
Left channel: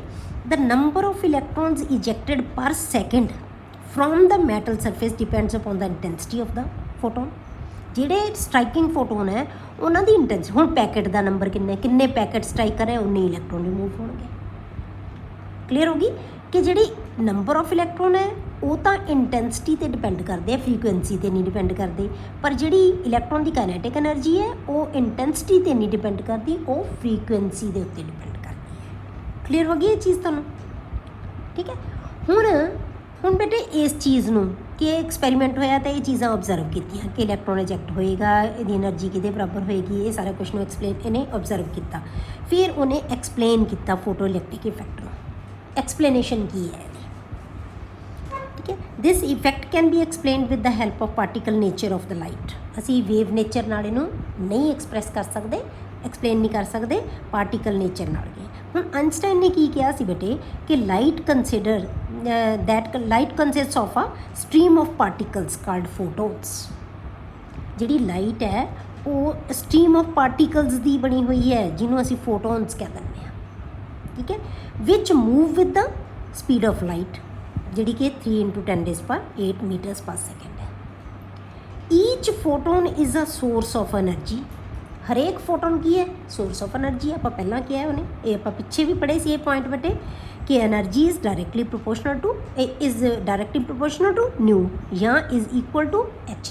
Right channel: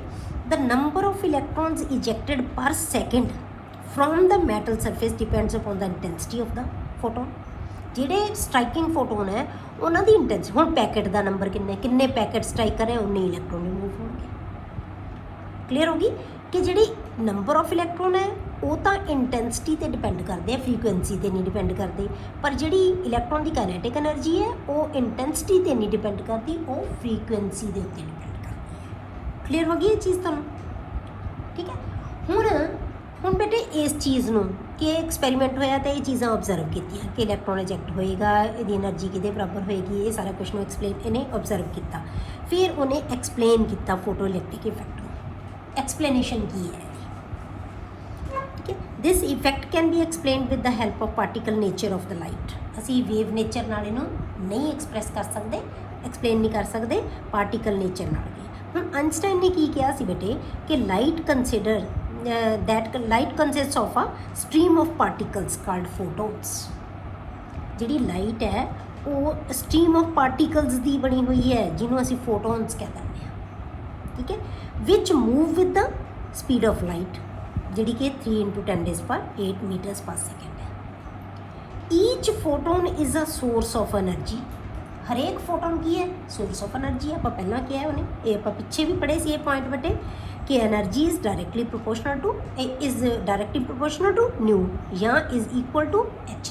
द नंबर ऑफ इलैक्ट्रॉन्स इजैक्टेड पर second from the metal surface depends upon the intensity of the photon. जिहड़े स्ट्राइकिंग फोटोन है उन्होंने इंटेंसिटी, हुण पैकेट का नंबर किन्ने पैकेट स्ट्राइक करे उन्ने इलैक्ट्रॉन रिमूव होंगे। क्लीयर होगी कि जिहड़ी नंबर ऑफ इलैक्ट्रॉन है वो तो इंटेंसिटी ते डिपेंड करते हैं, फ्रीकुएंसी ते नहीं डिपेंड करते, पर जिहड़ी इलैक्ट्रॉन की काइनेटिक एनर्जी है वो इंटेंसिटी ते नहीं डिपेंड करती, वो फ्रीकुएंसी के उत्ते डिपेंड करती है। क्लीयर होगी ये चीज़ तुहानूं। ठीक है, हुण बेटे इस चीज़ नूं कि एक्सपैरीमेंट होया तो ये चीज़ां ऑब्जर्व कीतियां कि इलैक्ट्रॉन इजैक्ट होएगा, इहदी एनर्जी किहदे बराबर होएगी, ये सारा कुछ एक्सप्लेन इन्हें ऑब्जर्व किया। फिर उन्हें एक्सप्लेन किया फोटो इलैक्ट्रिक इफैक्ट नूं, एक्सप्लेनेशन की है। ठीक है, this effect can be explain with the help of particle nature of the light. असीं वेव नेचर नाल इहनूं नहीं एक्सप्रैस कर सकते, एक्सप्लेन नहीं कर सकते पार्टिकल नेचर नाल। ਹੁਣ ਆਇਨਸਟਾਈਨ ने की किया सी बेटे कि light consider that light consists of a stream of particles called photons. ਜਿਹੜੀ ਲਾਈਟ ਹੈ ਉਹ ਸਟ੍ਰੀਮ ਆਫ ਪਾਰਟੀਕਲਸ ਦੀ ਬਣੀ ਹੋਈ ਹੈ ਜਿਹਨੂੰ ਅਸੀਂ ਫੋਟੋਨਸ ਕਹਿ ਦਿੰਦੇ ਹਾਂ, ਠੀਕ ਹੈ, which move with the speed of light ਜਿਹੜੀ ਕਿ 3 × 10⁸ ਮੀਟਰਸ ਪਰ ਸੈਕਿੰਡ ਹੈ। Each photon is a source of energy. ਹਰੇਕ ਫੋਟੋਨ ਕੀ ਹੈ? Source of energy. ਆਪਾਂ ਪਹਿਲਾਂ ਕਿਹਾ ਉਹਨੇ, ਇਹ ਆਪਾਂ ਪਿੱਛੇ ਵੀ ਪੜ੍ਹੇ ਸੀ ਇਹ ਪੁਆਇੰਟ ਬਟੇ ਕਿ energy is directly proportional to nu ਜਾਂ ਇਜ਼ ਇਕੁਅਲ ਟੂ ਐਚ।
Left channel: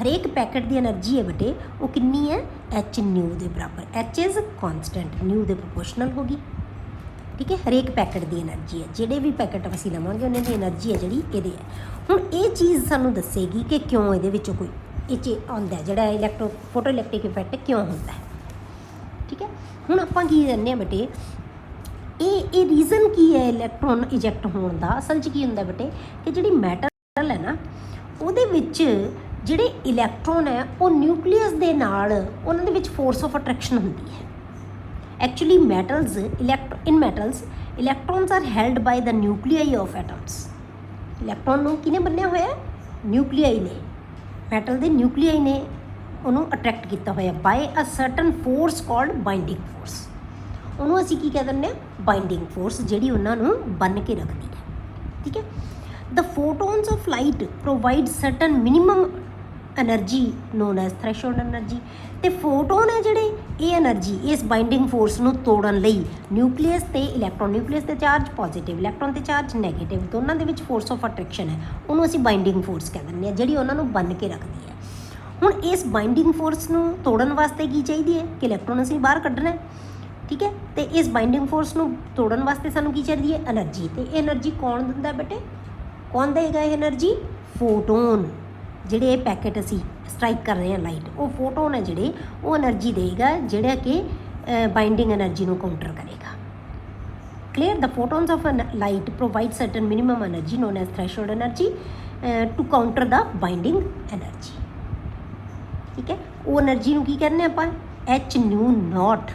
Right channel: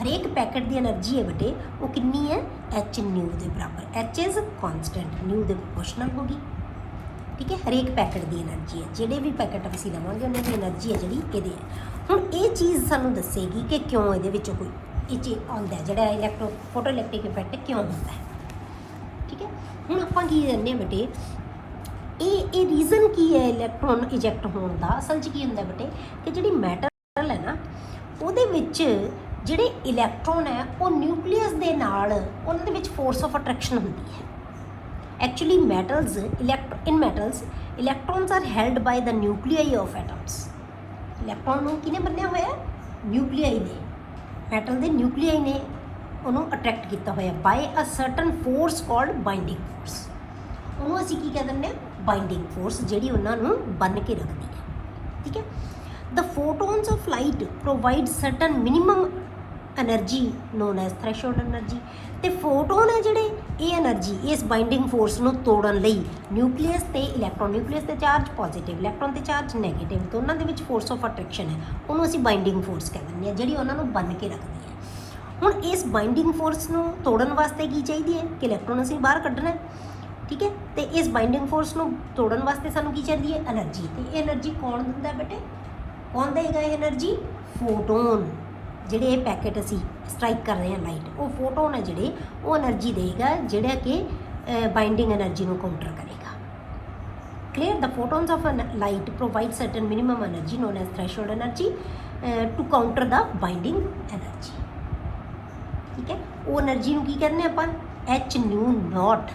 ਹਰੇਕ ਪੈਕਟ ਦੀ એનર્ਜੀ ਹੈ ਬਟੇ ਉਹ ਕਿੰਨੀ ਹੈ? ਐਚ ਨਿਊ ਦੇ ਬਰਾਬਰ। ਐਚ ਇਜ਼ ਕੌਨਸਟੈਂਟ, ਨਿਊ ਦੇ ਪ੍ਰੋਪੋਰਸ਼ਨਲ ਹੋ ਗਈ, ਠੀਕ ਹੈ। ਹਰੇਕ ਪੈਕਟ ਦੀ એનર્ਜੀ ਹੈ, ਜਿਹੜੇ ਵੀ ਪੈਕਟ ਅਸੀਂ ਲਵਾਂਗੇ ਉਹਨਾਂ ਦੀ એનર્ਜੀ ਹੈ ਜਿਹੜੀ ਇਹਦੀ ਹੈ। ਹੁਣ ਇਹ ਚੀਜ਼ ਸਾਨੂੰ ਦੱਸੇਗੀ ਕਿ ਕਿਉਂ ਇਹਦੇ ਵਿੱਚ ਕੋਈ ਇਹ ਚੀਜ਼ ਆਉਂਦਾ ਜਿਹੜਾ ਫੋਟੋ ਇਲੈਕਟ੍ਰਿਕ ਇਫੈਕਟ ਕਿਉਂ ਹੁੰਦਾ ਹੈ, ਠੀਕ ਹੈ। ਹੁਣ ਆਪਾਂ ਕੀ ਕਹਿੰਦੇ ਹਾਂ ਬੇਟੇ, ਇਹ ਰੀਜ਼ਨ ਕੀ ਹੈ ਇਲੈਕਟ੍ਰੋਨ ਇਜੈਕਟ ਹੋਣ ਦਾ? ਅਸਲ 'ਚ ਕੀ ਹੁੰਦਾ ਬੇਟੇ ਕਿ ਜਿਹੜੀ ਮੈਟਲ ਹੈ ਨਾ ਉਹਦੇ ਵਿੱਚ ਜਿਹੜੇ ਇਲੈਕਟ੍ਰੋਨ ਹੈ ਉਹ ਨਿਊਕਲੀਅਸ ਦੇ ਨਾਲ ਉਹਨਾਂ ਦੇ ਵਿੱਚ ਫੋਰਸ ਆਫ ਅਟਰੈਕਸ਼ਨ ਹੁੰਦੀ ਹੈ। Actually metals electrons are held by the nuclei of atoms. Electron ਨੂੰ ਕਿਹਨੇ ਬੰਨਿਆ ਹੋਇਆ? ਨਿਊਕਲੀਆਈ ਨੇ, ਮੈਟਲ ਦੇ ਨਿਊਕਲੀਆਈ ਨੇ ਉਹਨੂੰ ਅਟਰੈਕਟ ਕੀਤਾ ਹੋਇਆ by a certain force called binding force. ਉਹਨੂੰ ਅਸੀਂ ਕੀ ਕਹਿ ਦਿੰਦੇ ਹਾਂ? ਬਾਈਂਡਿੰਗ ਫੋਰਸ, ਜਿਹੜੀ ਉਹਨਾਂ ਨੂੰ ਬੰਨ੍ਹ ਕੇ ਰੱਖਦੀ ਹੈ, ਠੀਕ ਹੈ। The photons of light provide certain minimum energy known as threshold energy. ਤੇ ਫੋਟੋਨ ਹੈ ਜਿਹੜੇ ਇਹ એનર્ਜੀ ਇਸ ਬਾਈਂਡਿੰਗ ਫੋਰਸ ਨੂੰ ਤੋੜਨ ਲਈ ਨਿਊਕਲੀਅਸ ਤੇ ਇਲੈਕਟ੍ਰੋਨ, ਨਿਊਕਲੀਅਸ ਤੇ ਚਾਰਜ ਪੋਜ਼ਿਟਿਵ, ਇਲੈਕਟ੍ਰੋਨ ਤੇ ਚਾਰਜ ਨੈਗੇਟਿਵ, ਦੋਨਾਂ ਦੇ ਵਿੱਚ ਫੋਰਸ ਆਫ ਅਟਰੈਕਸ਼ਨ ਹੈ, ਉਹਨੂੰ ਅਸੀਂ ਬਾਈਂਡਿੰਗ ਫੋਰਸ ਕਹਿ ਦਿੰਦੇ ਹਾਂ, ਜਿਹੜੀ ਉਹਨਾਂ ਨੂੰ ਬੰਨ੍ਹ ਕੇ ਰੱਖਦੀ ਹੈ। ਹੁਣ ਇਸ ਬਾਈਂਡਿੰਗ ਫੋਰਸ ਨੂੰ ਤੋੜਨ ਵਾਸਤੇ ਕੀ ਚਾਹੀਦੀ ਹੈ ਕਿ ਇਲੈਕਟ੍ਰੋਨ ਅਸੀਂ ਬਾਹਰ ਕੱਢਣਾ, ਠੀਕ ਹੈ। ਤੇ ਇਸ ਬਾਈਂਡਿੰਗ ਫੋਰਸ ਨੂੰ ਤੋੜਨ ਵਾਸਤੇ ਸਾਨੂੰ ਕੀ ਚਾਹੀਦੀ ਹੈ? એનર્ਜੀ। ਤੇ ਇਹ એનર્ਜੀ ਕੌਣ ਦਿੰਦਾ ਬੇਟੇ? ਕੌਣ ਦੇਗਾ ਇਹ એનર્ਜੀ? ਫੋਟੋਨ। ਜਿਹੜੇ ਇਹ ਪੈਕਟ ਅਸੀਂ ਸਟ੍ਰਾਈਕ ਕਰ ਰਹੇ ਹਾਂ ਲਾਈਟ, ਉਹ ਫੋਟੋਨ ਹੈ ਜਿਹੜੇ ਉਹ એનર્ਜੀ ਦੇਗਾ ਜਿਹੜਾ ਕਿ ਬਾਈਂਡਿੰਗ એનર્ਜੀ ਨੂੰ ਕਾਊਂਟਰ ਕਰੇਗਾ। Clear? The photons of light provide certain minimum energy known as threshold energy to counter the binding energy, ਠੀਕ ਹੈ। ਉਹ એનર્ਜੀ ਨੂੰ ਕੀ ਕਹਿੰਦੇ ਆਪਾਂ? H nu note.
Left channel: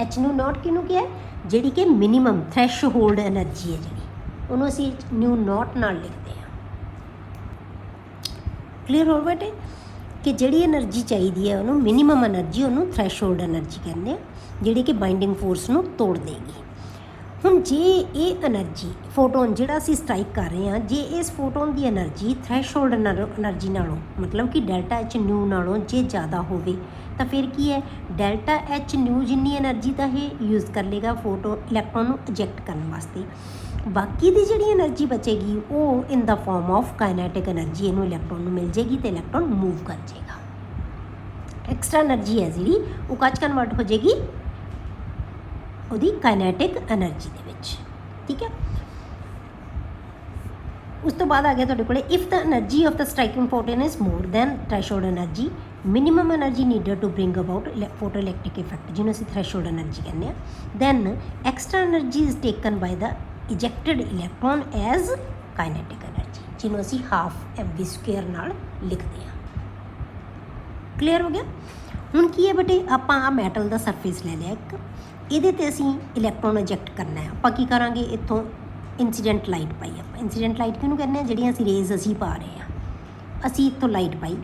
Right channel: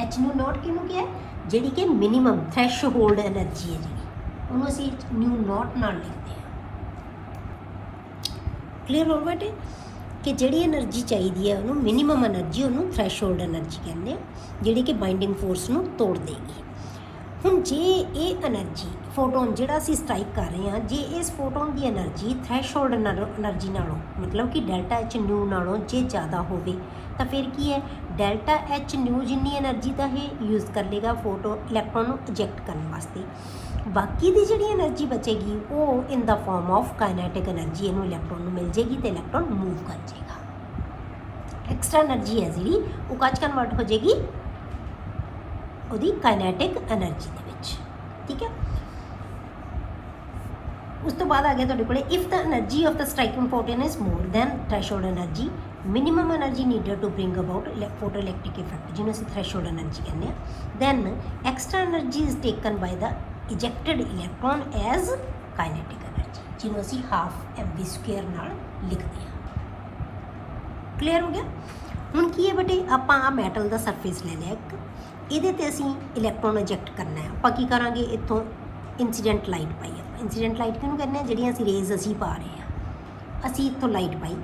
H nu naught ਕਿਹਨੂੰ ਕਿਹਾ? ਜਿਹੜੀ ਕਿ ਮਿਨੀਮਮ ਥ੍ਰੈਸ਼ੋਲਡ એનર્ਜੀ ਹੈ ਜਿਹੜੀ, ਉਹਨੂੰ ਅਸੀਂ ਨਿਊ ਨੋਟ ਨਾਲ ਲਿਖਦੇ ਹਾਂ। ਕਲੀਅਰ ਹੋ ਬੇਟੇ ਕਿ ਜਿਹੜੀ એનર્ਜੀ ਚਾਹੀਦੀ ਹੈ ਉਹਨੂੰ ਮਿਨੀਮਮ એનર્ਜੀ, ਉਹਨੂੰ ਥ੍ਰੈਸ਼ੋਲਡ એનર્ਜੀ ਕਹਿੰਦੇ, ਜਿਹੜੀ ਕਿ ਬਾਈਂਡਿੰਗ ਫੋਰਸ ਨੂੰ ਤੋੜ ਦੇਗੀ। ਹੁਣ ਜੇ ਇਹ એનર્ਜੀ ਫੋਟੋਨ ਜਿਹੜਾ ਅਸੀਂ ਸਟ੍ਰਾਈਕ ਕਰ ਰਹੇ ਹਾਂ, ਜੇ ਇਸ ਫੋਟੋਨ ਦੀ એનર્ਜੀ ਥ੍ਰੈਸ਼ੋਲਡ એનર્ਜੀ ਨਾਲੋਂ ਮਤਲਬ ਕਿ ਡੈਲਟਾ ਐਚ ਨਿਊ ਨਾਲੋਂ ਜੇ ਜ਼ਿਆਦਾ ਹੋਵੇ ਤਾਂ ਫਿਰ ਕੀ ਹੈ? ਡੈਲਟਾ ਐਚ ਨਿਊ ਜਿੰਨੀ એનર્ਜੀ ਦਾ ਇਹ ਯੂਜ਼ ਕਰ ਲੇਗਾ ਫੋਟੋ ਇਲੈਕਟ੍ਰੋਨ ਨੂੰ ਇਜੈਕਟ ਕਰਨ ਵਾਸਤੇ। ਬਾਕੀ ਦੀ ਜਿਹੜੀ એનર્ਜੀ ਬਚੇਗੀ ਉਹ ਇਨ ਦਾ ਫਾਰਮ ਆਫ ਕਾਈਨੈਟਿਕ એનર્ਜੀ ਇਹਨੂੰ ਇਲੈਕਟ੍ਰੋਨ ਨੂੰ ਮਿਲ ਜੇਗੀ ਤੇ ਇਲੈਕਟ੍ਰੋਨ ਮੂਵ ਕਰ ਜਾਏਗਾ। ਐਕਸਟਰਾ એનર્ਜੀ ਹੈ ਜਿਹੜੀ ਉਹ ਕੱਚ ਕਨਵਰਟ ਹੋ ਜਾਏਗੀ ਉਹਦੀ ਕਾਈਨੈਟਿਕ એનર્ਜੀ ਦੇ ਵਿੱਚ, ਠੀਕ ਹੈ। ਉਸ ਤੋਂ ਬਾਅਦ ਆ ਗਿਆ ਤੁਹਾਡੇ ਕੋਲੇ if the energy of the striking photon is more than threshold energy, minimum energy needed to bring about photo electric effect, ਜਿਹਨੂੰ ਅਸੀਂ ਥ੍ਰੈਸ਼ੋਲਡ એનર્ਜੀ ਕਹਿੰਦੇ ਹਾਂ, then extra energy is taken by the ejected electron as kinetic energy, ਜਿਹਨੂੰ ਅਸੀਂ half mv² ਨਾਲ ਲਿਖਦੇ ਹਾਂ। Clear ਹੋ ਗਿਆ? ਹੁਣ ਕੀ ਹੈ ਬੇਟੇ, ਆਪਾਂ ਆ ਮੈਟਲ ਦਾ ਸਰਫੇਸ ਲੈ ਲਿਆ ਇੱਕ, ਇਹਦੇ ਤੇ ਅਸੀਂ ਇਲੈਕਟ੍ਰੋਨ ਇਜੈਕਟ ਕਰਨਾ ਹੈ। ਆਪਾਂ ਕੀ ਕਰਾਂਗੇ? ਇੱਥੋਂ ਇੰਸੀਡੈਂਟ ਲਾਈਟ ਪਾਈ। ਇੰਸੀਡੈਂਟ ਲਾਈਟ ਕਿਹਨੂੰ ਕਹਿੰਦੇ ਹਾਂ? ਜਿਹੜੀਆਂ ਅਸੀਂ ਰੇਜ਼ ਅਸੀਂ ਪਾ ਰਹੇ ਹਾਂ, ਅਸੀਂ ਇੱਥੋਂ ਲਾਈਟ ਪਾਈ।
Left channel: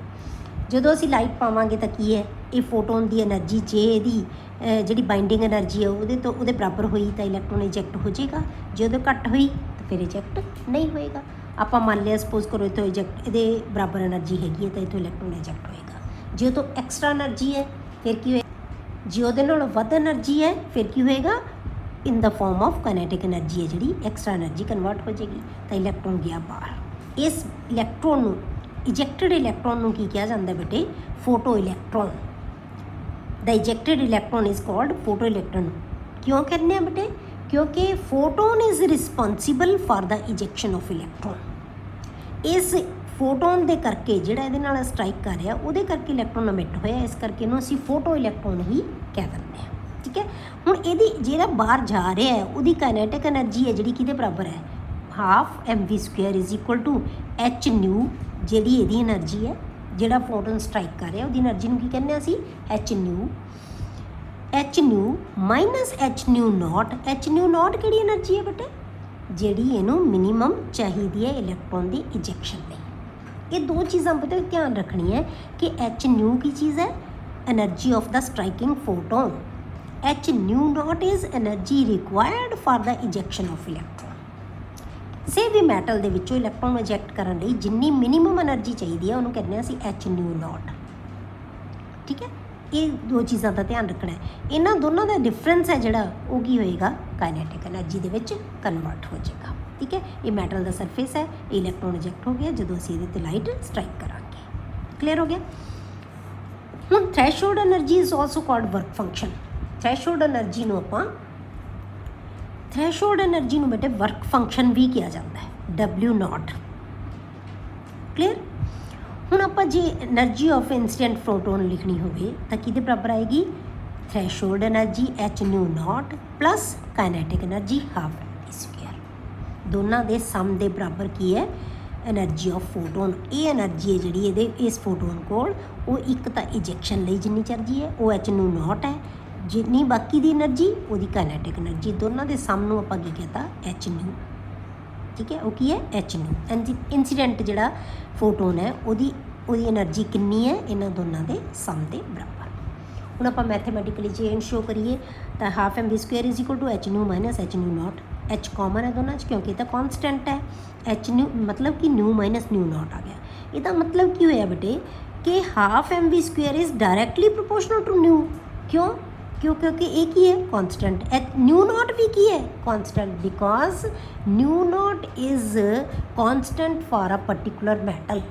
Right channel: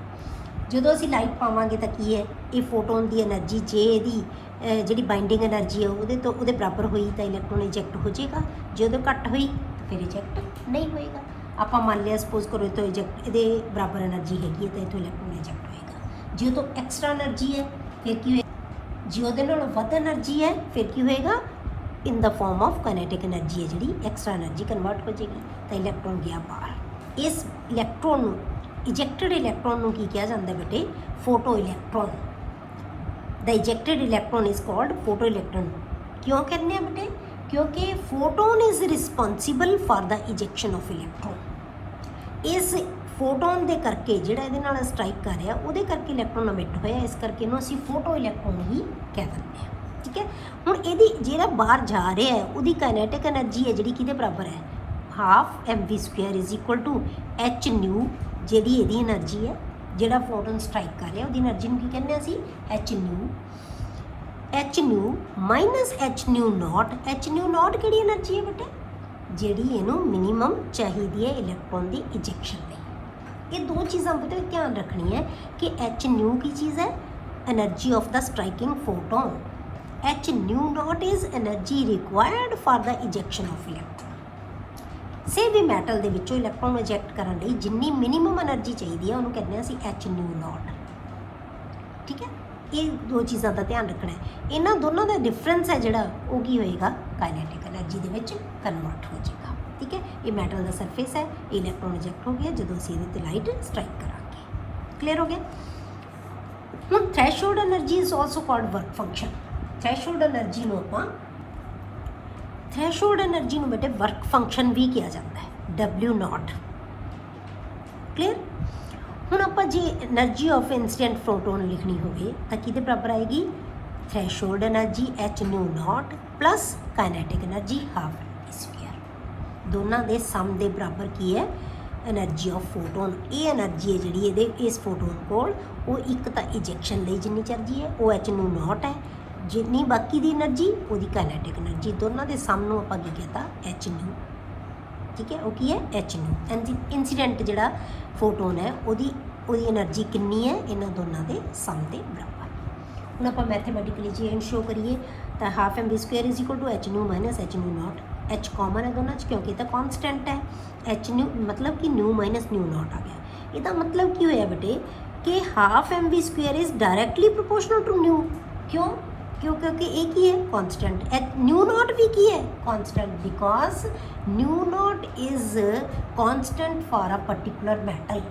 ਜਦੋਂ ਅਸੀਂ ਲਾਈਟ ਪਾਵਾਂਗੇ ਤਾਂ ਕੀ ਹੈ? ਇਹ ਫੋਟੋਨ ਦੀ એનર્ਜੀ ਜੇ ਇਹਦੀ ਜਿਹੜੀ ਬਾਈਂਡਿੰਗ એનર્ਜੀ ਹੈ ਉਹਦੇ ਬਰਾਬਰ ਹੋਈ ਤਾਂ ਇਲੈਕਟ੍ਰੋਨ ਇਜੈਕਟ ਹੋ ਜਾਏਗਾ, ਜੇ ਉਹਦੇ ਘੱਟ ਹੋਈ ਫਿਰ ਇਜੈਕਟ ਨਹੀਂ ਹੋਏਗਾ। ਆਪਾਂ ਮੰਨ ਲਿਆ ਸਪੋਜ਼ ਕਰੋ ਇੱਥੇ ਇਹਦੇ ਬਰਾਬਰ એનર્ਜੀ ਹੈਗੀ ਹੈ ਤਾਂ ਇੱਥੋਂ ਇਲੈਕਟ੍ਰੋਨ ਇਜੈਕਟ ਹੋਏਗਾ। ਜੇ ਤੋਂ ਐਕਸਟਰਾ એનર્ਜੀ ਹੈ ਫਿਰ ਕੀ ਹੋਏਗਾ? ਜੇ ਉਹਦੇ ਨਾਲੋਂ ਵੱਧ એનર્ਜੀ ਹੈ ਫਿਰ ਕੀ ਹੋਏਗਾ? ਇਨ ਦਾ ਫਾਰਮ ਆਫ ਕਾਈਨੈਟਿਕ એનર્ਜੀ ਹੈ ਜਿਹੜੀ ਐਕਸਟਰਾ એનર્ਜੀ ਕਨਵਰਟ ਹੋ ਜਾਏਗੀ ਤਾਂ ਇਲੈਕਟ੍ਰੋਨ ਗਿਆ ਬਾਹਰ। ਇਸ ਇਲੈਕਟ੍ਰੋਨ ਨੂੰ ਇਜੈਕਟਡ ਇਲੈਕਟ੍ਰੋਨ ਨੂੰ ਕੀ ਕਿਹਾ ਜਾਂਦਾ ਬੇਟੇ? Photo electron. The ejected electron is called photo electron. ਕਿਉਂ ਕਹਿੰਦੇ ਆ ਬੇਟੇ? ਕਿਉਂਕਿ photon is responsible for the ejection of electron. ਇਸ ਫੋਟੋਨ ਦੇ ਕਰਕੇ ਜਿਹੜਾ ਇਹਦੇ ਨਾਲ ਸਟ੍ਰਾਈਕ ਕਰ ਰਿਹਾ ਉਹਦੇ ਕਰਕੇ ਇਲੈਕਟ੍ਰੋਨ ਅਮਿਟ ਹੋਇਆ, ਇਸ ਕਰਕੇ ਇਹਨੂੰ ਅਸੀਂ ਫੋਟੋ ਇਲੈਕਟ੍ਰੋਨ ਹੀ ਕਹਿ ਦਿੰਦੇ ਹਾਂ, ਠੀਕ ਹੈ। ਹੁਣ ਇਹਦੀ ਜਿਹੜਾ ਬਾਹਰ ਜਾ ਰਿਹਾ ਹੈ ਉਹਦੀ ਕਾਈਨੈਟਿਕ એનર્ਜੀ ਹੈ ਜਿਹੜੀ ਕਿਹਦੇ ਬਰਾਬਰ ਹੈ? Half mv² is equal to H nu, ਜਿਹੜੀ ਇਹਦੀ એનર્ਜੀ ਹੈ ਜਿਹੜਾ ਫੋਟੋਨ ਸਟ੍ਰਾਈਕ ਕਰ ਰਿਹਾ ਉਹਦੀ એનર્ਜੀ ਨੂੰ ਕੀ ਕਹਿੰਦੇ ਹਾਂ ਅਸੀਂ? H new. H nu minus H nu note. H nu note ਕਿਹੜੀ એનર્ਜੀ ਹੈ ਬੇਟੇ? ਜਿਹੜੀ ਇਹਨੂੰ ਮਿਨੀਮਮ ਚਾਹੀਦੀ ਹੈ ਇਲੈਕਟ੍ਰੋਨ ਦੀ ਇਜੈਕਸ਼ਨ ਲਈ। ਇਹ ਦੋ ਚੀਜ਼ਾਂ ਬੇਟੇ ਧਿਆਨ ਰੱਖਣੀ ਹੈ ਕਿ ਐਚ ਨਿਊ ਕੀ ਚੀਜ਼ ਹੈ, energy of the striking photon. H nu naught is energy required for the ejection of electron. ਕਿਸੇ ਵੀ ਮੈਟਲ ਦੇ ਵਿੱਚੋਂ ਇਲੈਕਟ੍ਰੋਨ ਨੂੰ ਇਜੈਕਟ ਕਰਨ ਲਈ ਜਿੰਨੀ ਮਿਨੀਮਮ ਐਨਰਜੀ ਚਾਹੀਦੀ ਹੈ ਉਹਨੂੰ ਕਹਿੰਦੇ ਅਸੀਂ ਐਚ ਨਿਊ ਨੋਟ। ਠੀਕ ਹੈ, ਇਹ ਦੋ ਚੀਜ਼ਾਂ ਦਾ ਧਿਆਨ ਰੱਖਣਾ ਹੈ। ਇਹਨਾਂ ਦੋਨਾਂ ਦਾ ਡਿਫਰੈਂਸ ਹੈ ਜਿਹੜਾ ਉਹ ਕੀ ਹੋਏਗਾ, ਕਾਈਨੈਟਿਕ ਐਨਰਜੀ ਦੇ ਵਿੱਚ ਕਨਵਰਟ ਹੋ ਜਾਏਗਾ। ਠੀਕ ਹੈ, ਇਹ ਮੈਟਲ ਦਾ ਸਰਫੇਸ ਹੈ, ਇਹ ਇਲੈਕਟ੍ਰੋਨ ਇਜੈਕਟ ਹੋ ਗਿਆ ਜਦੋਂ ਅਸੀਂ ਇਹਦੇ ਤੇ ਲਾਈਟ ਸਟ੍ਰਾਈਕ ਕਰਾਂਗੇ। ਕਲੀਅਰ ਹੋ ਗਿਆ। ਹੁਣ threshold energy is also called work function. Threshold energy ਨੂੰ ਆਪਾਂ ਬੇਟੇ ਵਰਕ ਫੰਕਸ਼ਨ ਵੀ ਕਿਹਾ ਜਾਂਦਾ ਹੈ, W0। ਕਲੀਅਰ। ਹੁਣ ਆਪਾਂ ਜੇ ਐਨਰਜੀ ਆਫ ਇਨਸੀਡੈਂਟ ਫੋਟੋਨ ਲਿਖਣੀ ਹੋਵੇ ਤਾਂ ਕਿਹਦੇ ਬਰਾਬਰ ਆਏਗੀ, threshold energy h nu naught plus kinetic energy half square. ਦੋਨਾਂ ਦੇ ਸਮ ਦੇ ਬਰਾਬਰ ਕੀ ਹੈ, ਐਨਰਜੀ ਆਫ ਫੋਟੋਨ। ਇਹ ਐਨਰਜੀ ਹੈ ਜਿਹੜੀ ਇਹਦੇ ਇਸ ਫੋਟੋਨ ਕੋਲ, ਉਹ ਇੱਕ ਤਾਂ ਇਜੈਕਸ਼ਨ ਲਈ ਜਿੰਨੀ ਚਾਹੀਦੀ ਹੈ ਉਹ ਐਚ ਨਿਊ ਨੋਟ ਹੈ, ਜਿੰਨੀ ਬਾਕੀ ਦੀ ਐਨਰਜੀ ਉਹਦੀ ਕਾਈਨੈਟਿਕ ਐਨਰਜੀ। ਦੋਨਾਂ ਦੇ ਸਮ ਨੂੰ ਆਪਾਂ ਕੀ ਕਹਤਾ, ਐਚ ਨਿਊ। ਠੀਕ ਹੈ, ਉਹ ਕੀ ਹੈ, ਐਚ ਨਿਊ। ਇਨਸੀਡੈਂਟ ਜਿਹੜਾ ਫੋਟੋਨ ਹੈ ਉਹਦੀ ਐਨਰਜੀ ਕਿੰਨੀ ਹੈ, ਇਹਨਾਂ ਦੋਨਾਂ ਦੇ ਸਮ ਦੇ ਬਰਾਬਰ। ਹੁਣ ਆਪਾਂ ਮੈਥਮੈਟਿਕਲੀ ਜੇ ਸ਼ੋ ਕਰੀਏ ਤਾਂ half M V square is equal to H nu minus H nu note. H common ਹੈ ਦੋਨਾਂ 'ਚ ਕਿਉਂਕਿ ਇਹ ਤਾਂ ਕੌਨਸਟੈਂਟ ਹੈ। ਐਚ ਨਿਊ ਮਤਲਬ ਕਿ ਨਿਊ ਮਾਈਨਸ ਨਿਊ ਨੋਟ ਆ ਗਿਆ। ਇਹਦਾ ਮਤਲਬ ਕੀ ਹੋਇਆ ਬੇਟੇ ਕਿ half M V square is directly proportional to nu. क्योंकि एक ही है कांस्टेंट, न्यू नॉट भी की है constant, because new not is constant for a particular metal.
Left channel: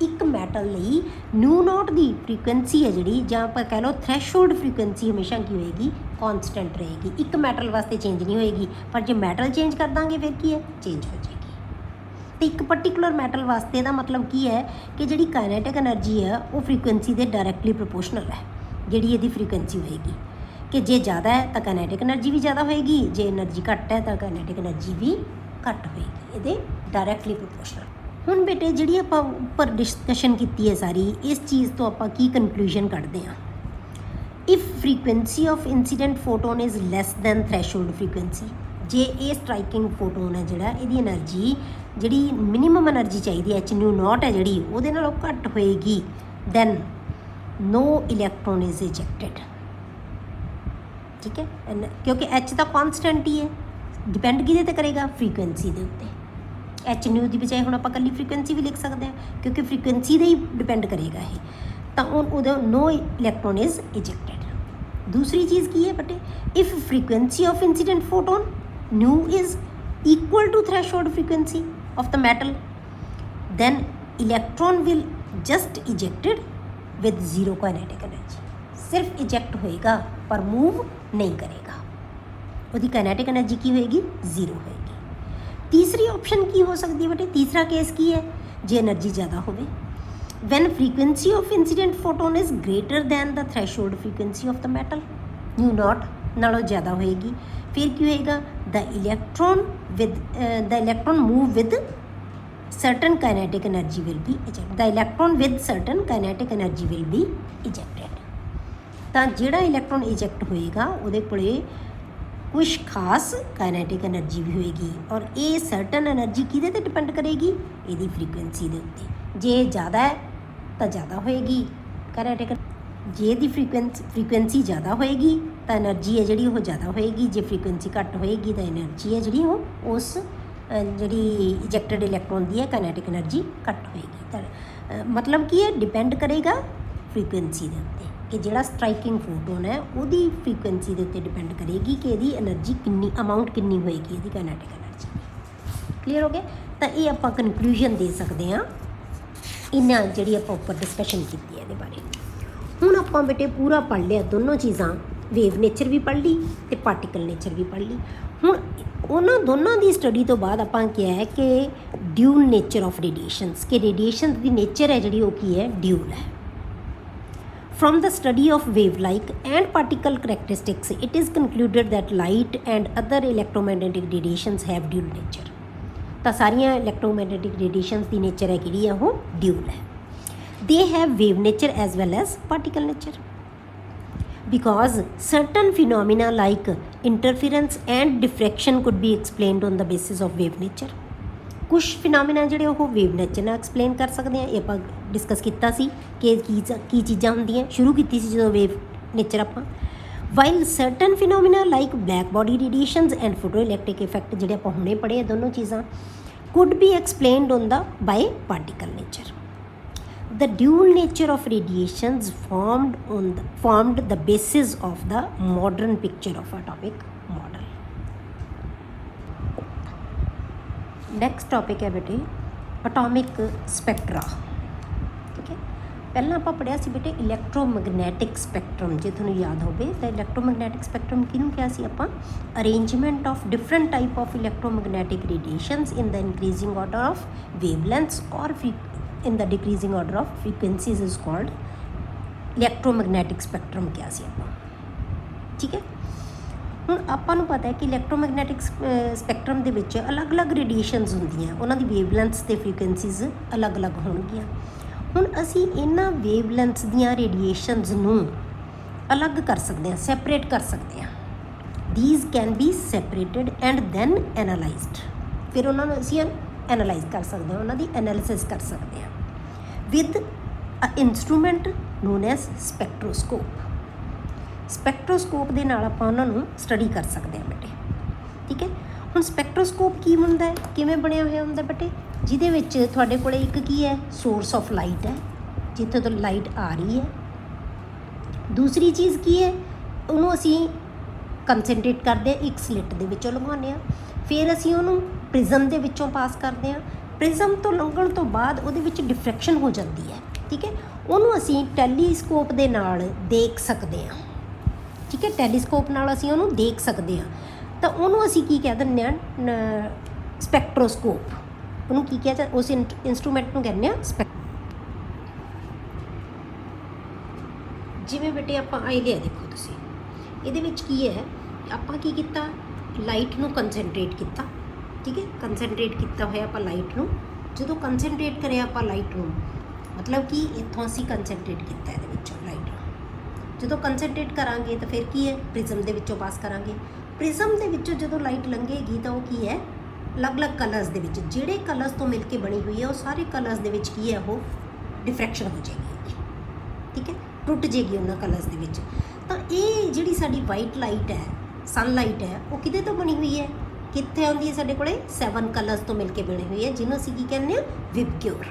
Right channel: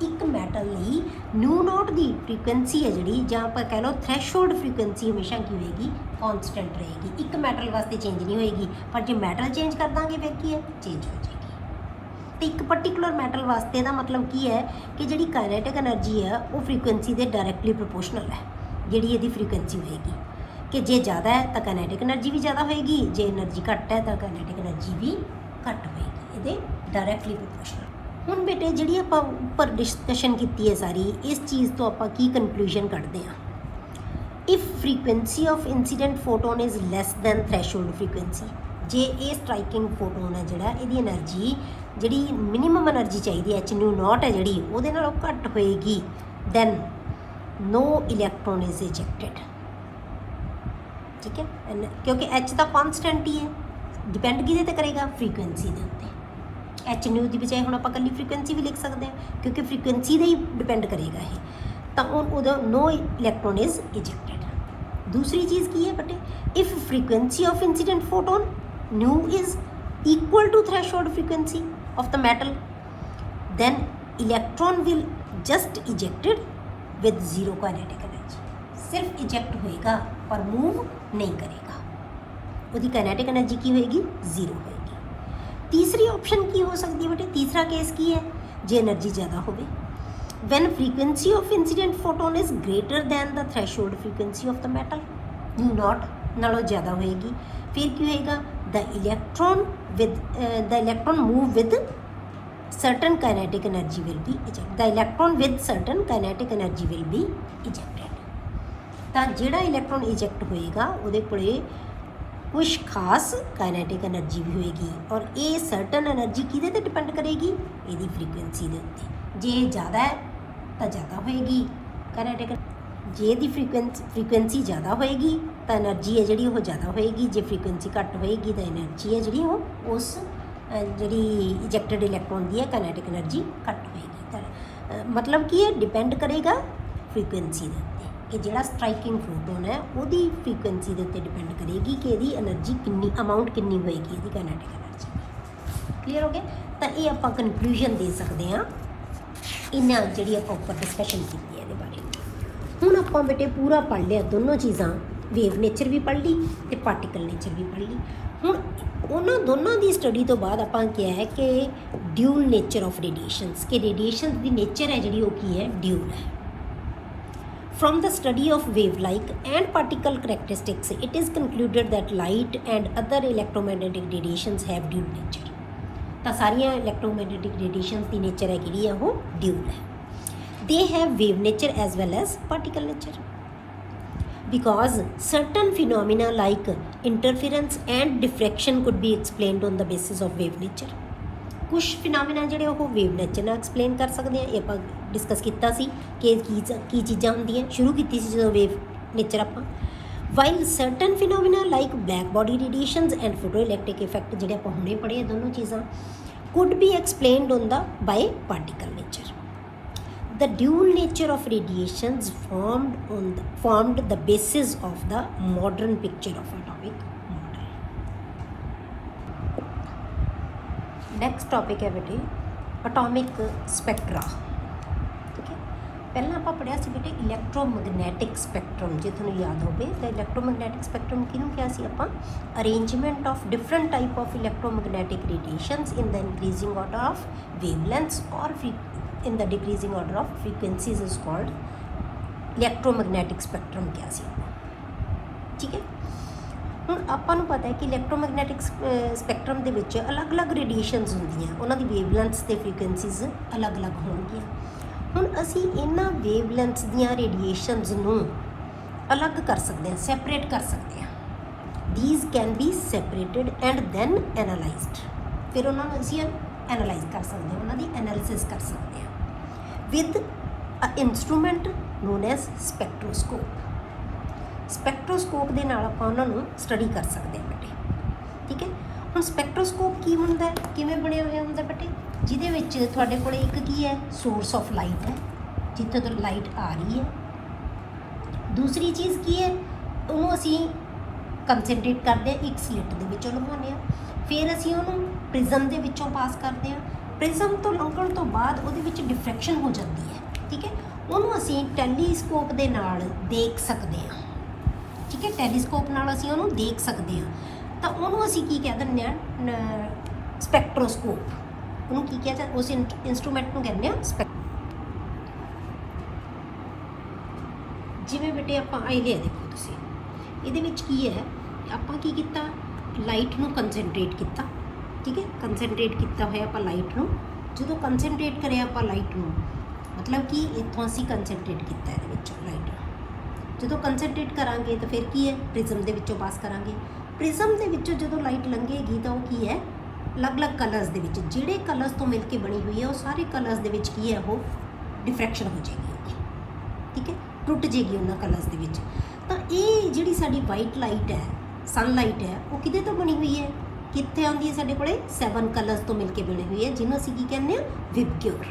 एक मैटल ਲਈ न्यू नॉट ਦੀ ਫ੍ਰੀਕੁਐਂਸੀ ਹੈ ਜਿਹੜੀ, ਜਾਂ ਆਪਾਂ ਕਹਿ ਲਓ ਥ੍ਰੈਸ਼ੋਲਡ ਫ੍ਰੀਕੁਐਂਸੀ ਹਮੇਸ਼ਾ ਕੀ ਹੋਏਗੀ, ਕਾਂਸਟੈਂਟ ਰਹੇਗੀ। ਇੱਕ ਮੈਟਲ ਵਾਸਤੇ ਚੇਂਜ ਨਹੀਂ ਹੋਏਗੀ, ਪਰ ਜੇ ਮੈਟਲ ਚੇਂਜ ਕਰ ਦਾਂਗੇ ਫਿਰ ਕੀ ਹੈ, ਚੇਂਜ ਹੋ ਜਾਏਗੀ। ਤੇ ਇੱਕ ਪਰਟੀਕੂਲਰ ਮੈਟਲ ਵਾਸਤੇ ਇਹਦਾ ਮਤਲਬ ਕੀ ਹੈ ਕਿ ਜਿਹੜੀ ਕਾਈਨੈਟਿਕ એનર્ਜੀ ਹੈ ਉਹ ਫ੍ਰੀਕੁਐਂਸੀ ਦੇ ਡਾਇਰੈਕਟਲੀ ਪ੍ਰੋਪੋਰਸ਼ਨਲ ਹੈ, ਜਿਹੜੀ ਇਹਦੀ ਫ੍ਰੀਕੁਐਂਸੀ ਹੋਏਗੀ। ਕਿ ਜੇ ਜ਼ਿਆਦਾ ਹੈ ਤਾਂ ਕਾਈਨੈਟਿਕ એનર્ਜੀ ਵੀ ਜ਼ਿਆਦਾ ਹੋਏਗੀ, ਜੇ એનર્ਜੀ ਘੱਟ ਹੈ ਤਾਂ ਕਾਈਨੈਟਿਕ એનર્ਜੀ ਵੀ ਘੱਟ ਹੋਏਗੀ, ਇਹਦੇ ਡਾਇਰੈਕਟਲੀ ਪ੍ਰੋਪੋਰਸ਼ਨਲ। ਹੁਣ ਬੇਟੇ ਜਿਹੜੀ ਆਪਾਂ ਉੱਪਰ ਡਿਸਕਸ਼ਨ ਕੀਤੀ ਹੈ ਸਾਰੀ, ਇਸ ਚੀਜ਼ ਤੋਂ ਆਪਾਂ ਕੀ ਕਨਕਲੂਜਨ ਕੱਢਦੇ ਹਾਂ, if frequency of incident photon is less than threshold frequency, ਜੇ ਇਹ ਸਟ੍ਰਾਈਕਿੰਗ ਫੋਟੋਨ ਹੈ ਜਿਹੜਾ, ਇਹਦੀ એનર્ਜੀ ਜਿਹੜੀ ਮਿਨੀਮਮ એનર્ਜੀ ਚਾਹੀਦੀ ਐਚ ਨਿਊ ਨੋਟ ਹੈ ਜਿਹੜੀ, ਉਹਦੇ ਨਾਲੋਂ ਘੱਟ ਹੋਏਗੀ, then no electron is ejected. ठीक है, क्योंकि एच का कॉन्सटेंट ही है, डिपेंड किहदे ते करेगा, फ्रीकुएंसी के उत्ते। एच न्यू की बजाय हम आप कल्ली फ्रीकुएंसी भी लिख सकते हैं, क्योंकि फ्रीकुएंसी ही डिपेंड करेगा ये, तो नो इलैक्ट्रॉन इज इजेक्टेड। दूसरी चीज़ की है बटे, if frequency of incident photon nu is equal to threshold frequency of the metal, then electron will just ejected with zero kinetic energy. सिर्फ इजेक्ट होएगा पर मूव नहीं करेगा, उसकी काइनेटिक एनर्जी की होगी, जीरो होगी। तीसरी ऑप्शन की हो सकती है बेटे, तीसरा केस की है, जो एनर्जी ज़्यादा होगी, when frequency of incident photon is greater than the threshold frequency of the metal, new not नालों ज़्यादा होएगी, फिर क्या होएगा, the electron move with certain kinetic energy will be ejected, the electron with certain kinetic energy will be ejected। ਤਾਂ ਜਿਹੜਾ electron eject ਹੋਏਗਾ ਉਹਦੇ ਕੋਲੇ ਕੁਝ ਖਾਸ ਕਾਈਨੈਟਿਕ એનર્ਜੀ ਵੀ ਹੋਏਗੀ, ਔਰ ਇਹ ਸਰਟਨ એનર્ਜੀ ਕਿਹਦੇ ਤੇ ਡਿਪੈਂਡ ਕਰੇਗੀ, ਇਹਦੀ ਫ੍ਰੀਕੁਐਂਸੀ ਦੇ ਉੱਤੇ। ਜੇ ਜ਼ਿਆਦਾ ਹੈ ਤਾਂ ਜ਼ਿਆਦਾ ਹੋਏਗੀ ਕਾਈਨੈਟਿਕ, ਜੇ ਇਹਦੀ ਫ੍ਰੀਕੁਐਂਸੀ ਜ਼ਿਆਦਾ ਹੋਏਗੀ ਤਾਂ એનર્ਜੀ ਹੈ ਜਿਹੜੀ ਉਹ ਜ਼ਿਆਦਾ ਹੋਏਗੀ, ਜੇ ਫ੍ਰੀਕੁਐਂਸੀ ਘੱਟ ਹੋਏਗੀ ਤਾਂ એનર્ਜੀ ਹੈ ਜਿਹੜੀ ਉਹ ਉਸ ਜਿਹੜੀ ਇਜੈਕਟਡ ਇਲੈਕਟ੍ਰੋਨ ਦੀ ਹੈ ਕਾਈਨੈਟਿਕ એનર્ਜੀ ਘੱਟ ਹੋਏਗੀ। ਤਾਂ ਮਤਲਬ ਕੀ ਹੈ, ਡਿਪੈਂਡ ਕਰੇਗਾ ਫ੍ਰੀਕੁਐਂਸੀ ਦੇ ਉੱਤੇ, कि जोड़ा स्ट्राइकिंग फोटोन है वो फ्रीकुएंसी के उत्ते डिपेंड करेगी कि यदि एनर्जी कितनी अमाउंट कितनी होएगी, यदि काइनेटिक एनर्जी। क्लीयर हो गया। तो ये आप कनक्लूजन दे सकते हैं इन्ना जी आप उपर डिस्कशन की है। हुण आप बेटे पूरा पढ़ लिया, दोनों चीज़ां वेव नेचर भी पढ़ ली तो पार्टिकल नेचर भी पढ़ ली। हुण उन्होंने दोनों की स्टडी तो बाद आप क्या है कि ड्यूल नेचर ऑफ रेडिएशंस, कि रेडिएशन की नेचर है जी वो की है, ड्यूल है। From the study of wave-like and particle characteristics, it is concluded that light and other electromagnetic radiations have dual nature। तो सारिया electromagnetic radiations की nature है कि वो dual है। They have wave nature as well as particle nature। because certain phenomena like interference and diffraction could be explained on the basis of wave nature. कुछ phenomena ਜਿਹੜੇ ਉਹ ਵੇਵ ਨੇਚਰ ਨਾਲ explain ਕਰ ਸਕਦੇ ਹਾਂ। ਇਹ ਆਪਾਂ ਡਿਸਕਸ ਕੀਤਾ ਸੀ ਕਿ ਕੀ ਚੀਜ਼ਾਂ ਹੁੰਦੀਆਂ, ਸ਼ੁਰੂ ਕੀਤੀ ਸੀ ਜਦੋਂ ਵੇਵ ਨੇਚਰ ਆਪਾਂ। While certain phenomena like black body radiations and photo electric effect ਜਿਹੜੇ ਆਪਾਂ ਹੁਣੇ ਪੜ੍ਹੇ ਦੋਨੋਂ ਚੀਜ਼ਾਂ could be explained on the by particle nature. The dual nature of radiations formed the basis of the modern picture of atomic model. Next topic है बेटे atomic spectra. ਪਹਿਲਾਂ ਆਪਾਂ ਪੜ੍ਹਿਆ ਸੀ ਬੇਟੇ ਇਲੈਕਟ੍ਰੋਮੈਗਨੈਟਿਕ ਸਪੈਕਟਰਮ। ਜੇ ਤੁਹਾਨੂੰ ਯਾਦ ਹੋਵੇ ਤਾਂ ਇਲੈਕਟ੍ਰੋਮੈਗਨੈਟਿਕ ਸਪੈਕਟਰਮ ਕਿਹਨੂੰ ਕਿਹਾ ਸੀ ਆਪਾਂ? Arrangement of different type of electromagnetic radiations in the increasing order of wavelengths or in the decreasing order of frequencies is called electromagnetic spectrum ਕਿਹਾ ਸੀ ਆਪਾਂ। ਠੀਕ ਹੈ, ਹੁਣ ਆਪਾਂ ਨੂੰ ਪਤਾ ਹੈ ਕਿ ਇਲੈਕਟ੍ਰੋਮੈਗਨੈਟਿਕ ਸਪੈਕਟਰਮ ਦੇ ਵਿੱਚ ਅਲੱਗ-ਅਲੱਗ ਰੇਡੀਏਸ਼ਨਸ ਹੁੰਦੀਆਂ, ਉਹਨਾਂ ਦੀ ਵੇਵਲੈਂਥਸ ਤੇ ਫ੍ਰੀਕੁਐਂਸੀਜ਼ ਅਲੱਗ-ਅਲੱਗ ਹੋਣਗੀਆਂ। ਹੁਣ ਅਸੀਂ ਇਹਨਾਂ ਵੇਵਲੈਂਥਸ ਦੀਆਂ ਰੇਡੀਏਸ਼ਨਸ ਨੂੰ ਅਲੱਗ ਕਰ ਸਕਦੇ ਹਾਂ, ਸੈਪਰੇਟ ਕਰ ਸਕਦੇ ਹਾਂ। These can be separated and then analysed. ਫਿਰ ਉਹਨਾਂ ਨੂੰ ਅਸੀਂ ਐਨਾਲਾਈਜ਼ ਕਰ ਸਕਦੇ ਹਾਂ, ਉਹਨਾਂ ਦੀ ਐਨਾਲਿਸਿਸ ਕਰ ਸਕਦੇ ਹਾਂ with a instrument known as spectroscope. Spectroscope ਦੇ ਨਾਲ ਆਪਾਂ ਉਹਨਾਂ ਨੂੰ ਸਟੱਡੀ ਕਰ ਸਕਦੇ ਹਾਂ ਬੇਟੇ। ਠੀਕ ਹੈ, ਹੁਣ ਸਪੈਕਟ੍ਰੋਸਕੋਪ ਕੀ ਹੁੰਦਾ ਹੈ, ਕਿਵੇਂ ਬਣਿਆ ਹੋਇਆ ਹੁੰਦਾ ਬੇਟੇ? ਜਿਹਦੇ ਵਿੱਚ ਤੁਹਾਡੇ ਕੋਲ ਇੱਕ ਕੀ ਹੈ, ਸੋਰਸ ਆਫ ਲਾਈਟ ਹੈ, ਜਿੱਥੇ ਤੋਂ ਲਾਈਟ ਆ ਰਹੀ ਹੈ। ਦੂਸਰੀ ਚੀਜ਼ ਕੀ ਹੈ, ਉਹਨੂੰ ਅਸੀਂ ਕੰਸਨਟਰੇਟ ਕਰਦੇ ਹਾਂ, ਇੱਕ ਸਲਿੱਟ ਦੇ ਵਿੱਚੋਂ ਲੰਘਾਉਂਦੇ ਹਾਂ। ਫਿਰ ਅਸੀਂ ਉਹਨੂੰ ਪ੍ਰਿਜ਼ਮ ਦੇ ਵਿੱਚੋਂ ਪਾਸ ਕਰਦੇ ਹਾਂ। ਪ੍ਰਿਜ਼ਮ ਤੋਂ ਲੰਘਣ ਤੋਂ ਬਾਅਦ ਉਹਦੇ ਵਿੱਚ ਡਿਫਰੈਕਸ਼ਨ ਹੋ ਜਾਂਦੀ ਹੈ। ਠੀਕ ਹੈ, ਉਹਨੂੰ ਅਸੀਂ ਟੈਲੀਸਕੋਪ ਦੇ ਨਾਲ ਦੇਖ ਸਕਦੇ ਹਾਂ। ਠੀਕ ਹੈ, ਟੈਲੀਸਕੋਪ ਨਾਲ ਅਸੀਂ ਉਹਨੂੰ ਦੇਖ ਸਕਦੇ ਹਾਂ। ਤਾਂ ਉਹਨੂੰ ਅਸੀਂ ਕੀ ਕਹਿ ਦਿੰਦੇ ਹਾਂ? ਸਪੈਕਟ੍ਰੋਸਕੋਪ। ਉਹਨੂੰ ਕੀ ਕਿਹਾ ਜਾਂਦਾ? ਉਸ ਇੰਸਟਰੂਮੈਂਟ ਨੂੰ ਕਹਿੰਦੇ ਹਾਂ ਜਿਵੇਂ ਬੇਟੇ ਆਪਾਂ ਆਈਡੀਆ ਦੇਖੋ ਤੁਸੀਂ, ਇਹਦੇ ਵਿੱਚ ਕੀ ਹੈ, ਆਪਾਂ ਕੀ ਕੀਤਾ, ਲਾਈਟ ਨੂੰ ਕੰਸਨਟਰੇਟ ਕੀਤਾ। ਠੀਕ ਹੈ, ਕੰਸਨਟਰੇਟ ਕੀਤਾ ਹੋਇਆ ਆਪਾਂ ਲਾਈਟ ਨੂੰ। ਜਦੋਂ ਕੰਸਨਟਰੇਟ ਕਰਿਆ ਆਪਾਂ ਲਾਈਟ ਨੂੰ, ਮਤਲਬ ਕਿ ਇੱਥੋਂ ਅਸੀਂ ਕੰਸਨਟਰੇਟ ਕੀਤਾ ਇਹਦੇ ਵਿੱਚ ਲਾਈਟ ਨੂੰ। ਜਦੋਂ ਕੰਸਨਟਰੇਟ ਕਰਾਂਗੇ ਤਾਂ ਫਿਰ ਕੀ ਹੈ, ਪ੍ਰਿਜ਼ਮ ਦੇ ਵਿੱਚੋਂ ਪਾਸ ਕਰਾਂਗੇ। ਪ੍ਰਿਜ਼ਮ ਦੇ ਵਿੱਚੋਂ ਜਦੋਂ ਲਾਈਟ ਲੰਘੇਗੀ ਤਾਂ ਉਹ ਕੀ ਹੈ, ਅਲੱਗ-ਅਲੱਗ ਕਲਰਸ ਦੇ ਵਿੱਚ, ਜਿਹੜੇ ਕਲਰਸ ਤੋਂ ਮਿਲ ਕੇ ਬਣੀ ਹੋਈ ਹੈ ਉਹ ਸਾਰੇ ਕਲਰਸ ਦੇ ਵਿੱਚ ਕੀ ਹੈ, ਉਹ ਡਿਫਰੈਕਸ਼ਨ ਹੋ ਜਾਏਗੀ ਉਹਦੀ। ਠੀਕ ਹੈ, ਟੁੱਟ ਜਾਏਗੀ ਉਹਨਾਂ ਕਲਰਸ ਦੇ ਵਿੱਚ। ਤਾਂ ਇਹ ਜਿਹੜੀ ਸਾਡੀ ਵਾਈਟ ਲਾਈਟ ਹੈ, ਸਨਲਾਈਟ ਹੈ, ਉਹ ਕਿਹਦੇ ਤੋਂ ਬਣੀ ਹੋਈ ਹੈ, ਕਿੱਥੇ ਆਉਂਦੀ ਹੈ? ਸਾਡੇ ਕੋਲੇ 7 ਕਲਰਸ ਤੋਂ ਮਿਲ ਕੇ ਬਣੀ ਹੋਈ ਹੈ, ਜਿਹਨੂੰ ਅਸੀਂ ਕੀ ਕਹਿੰਦੇ ਹਾਂ, ਵਿਬਗਿਓਰ।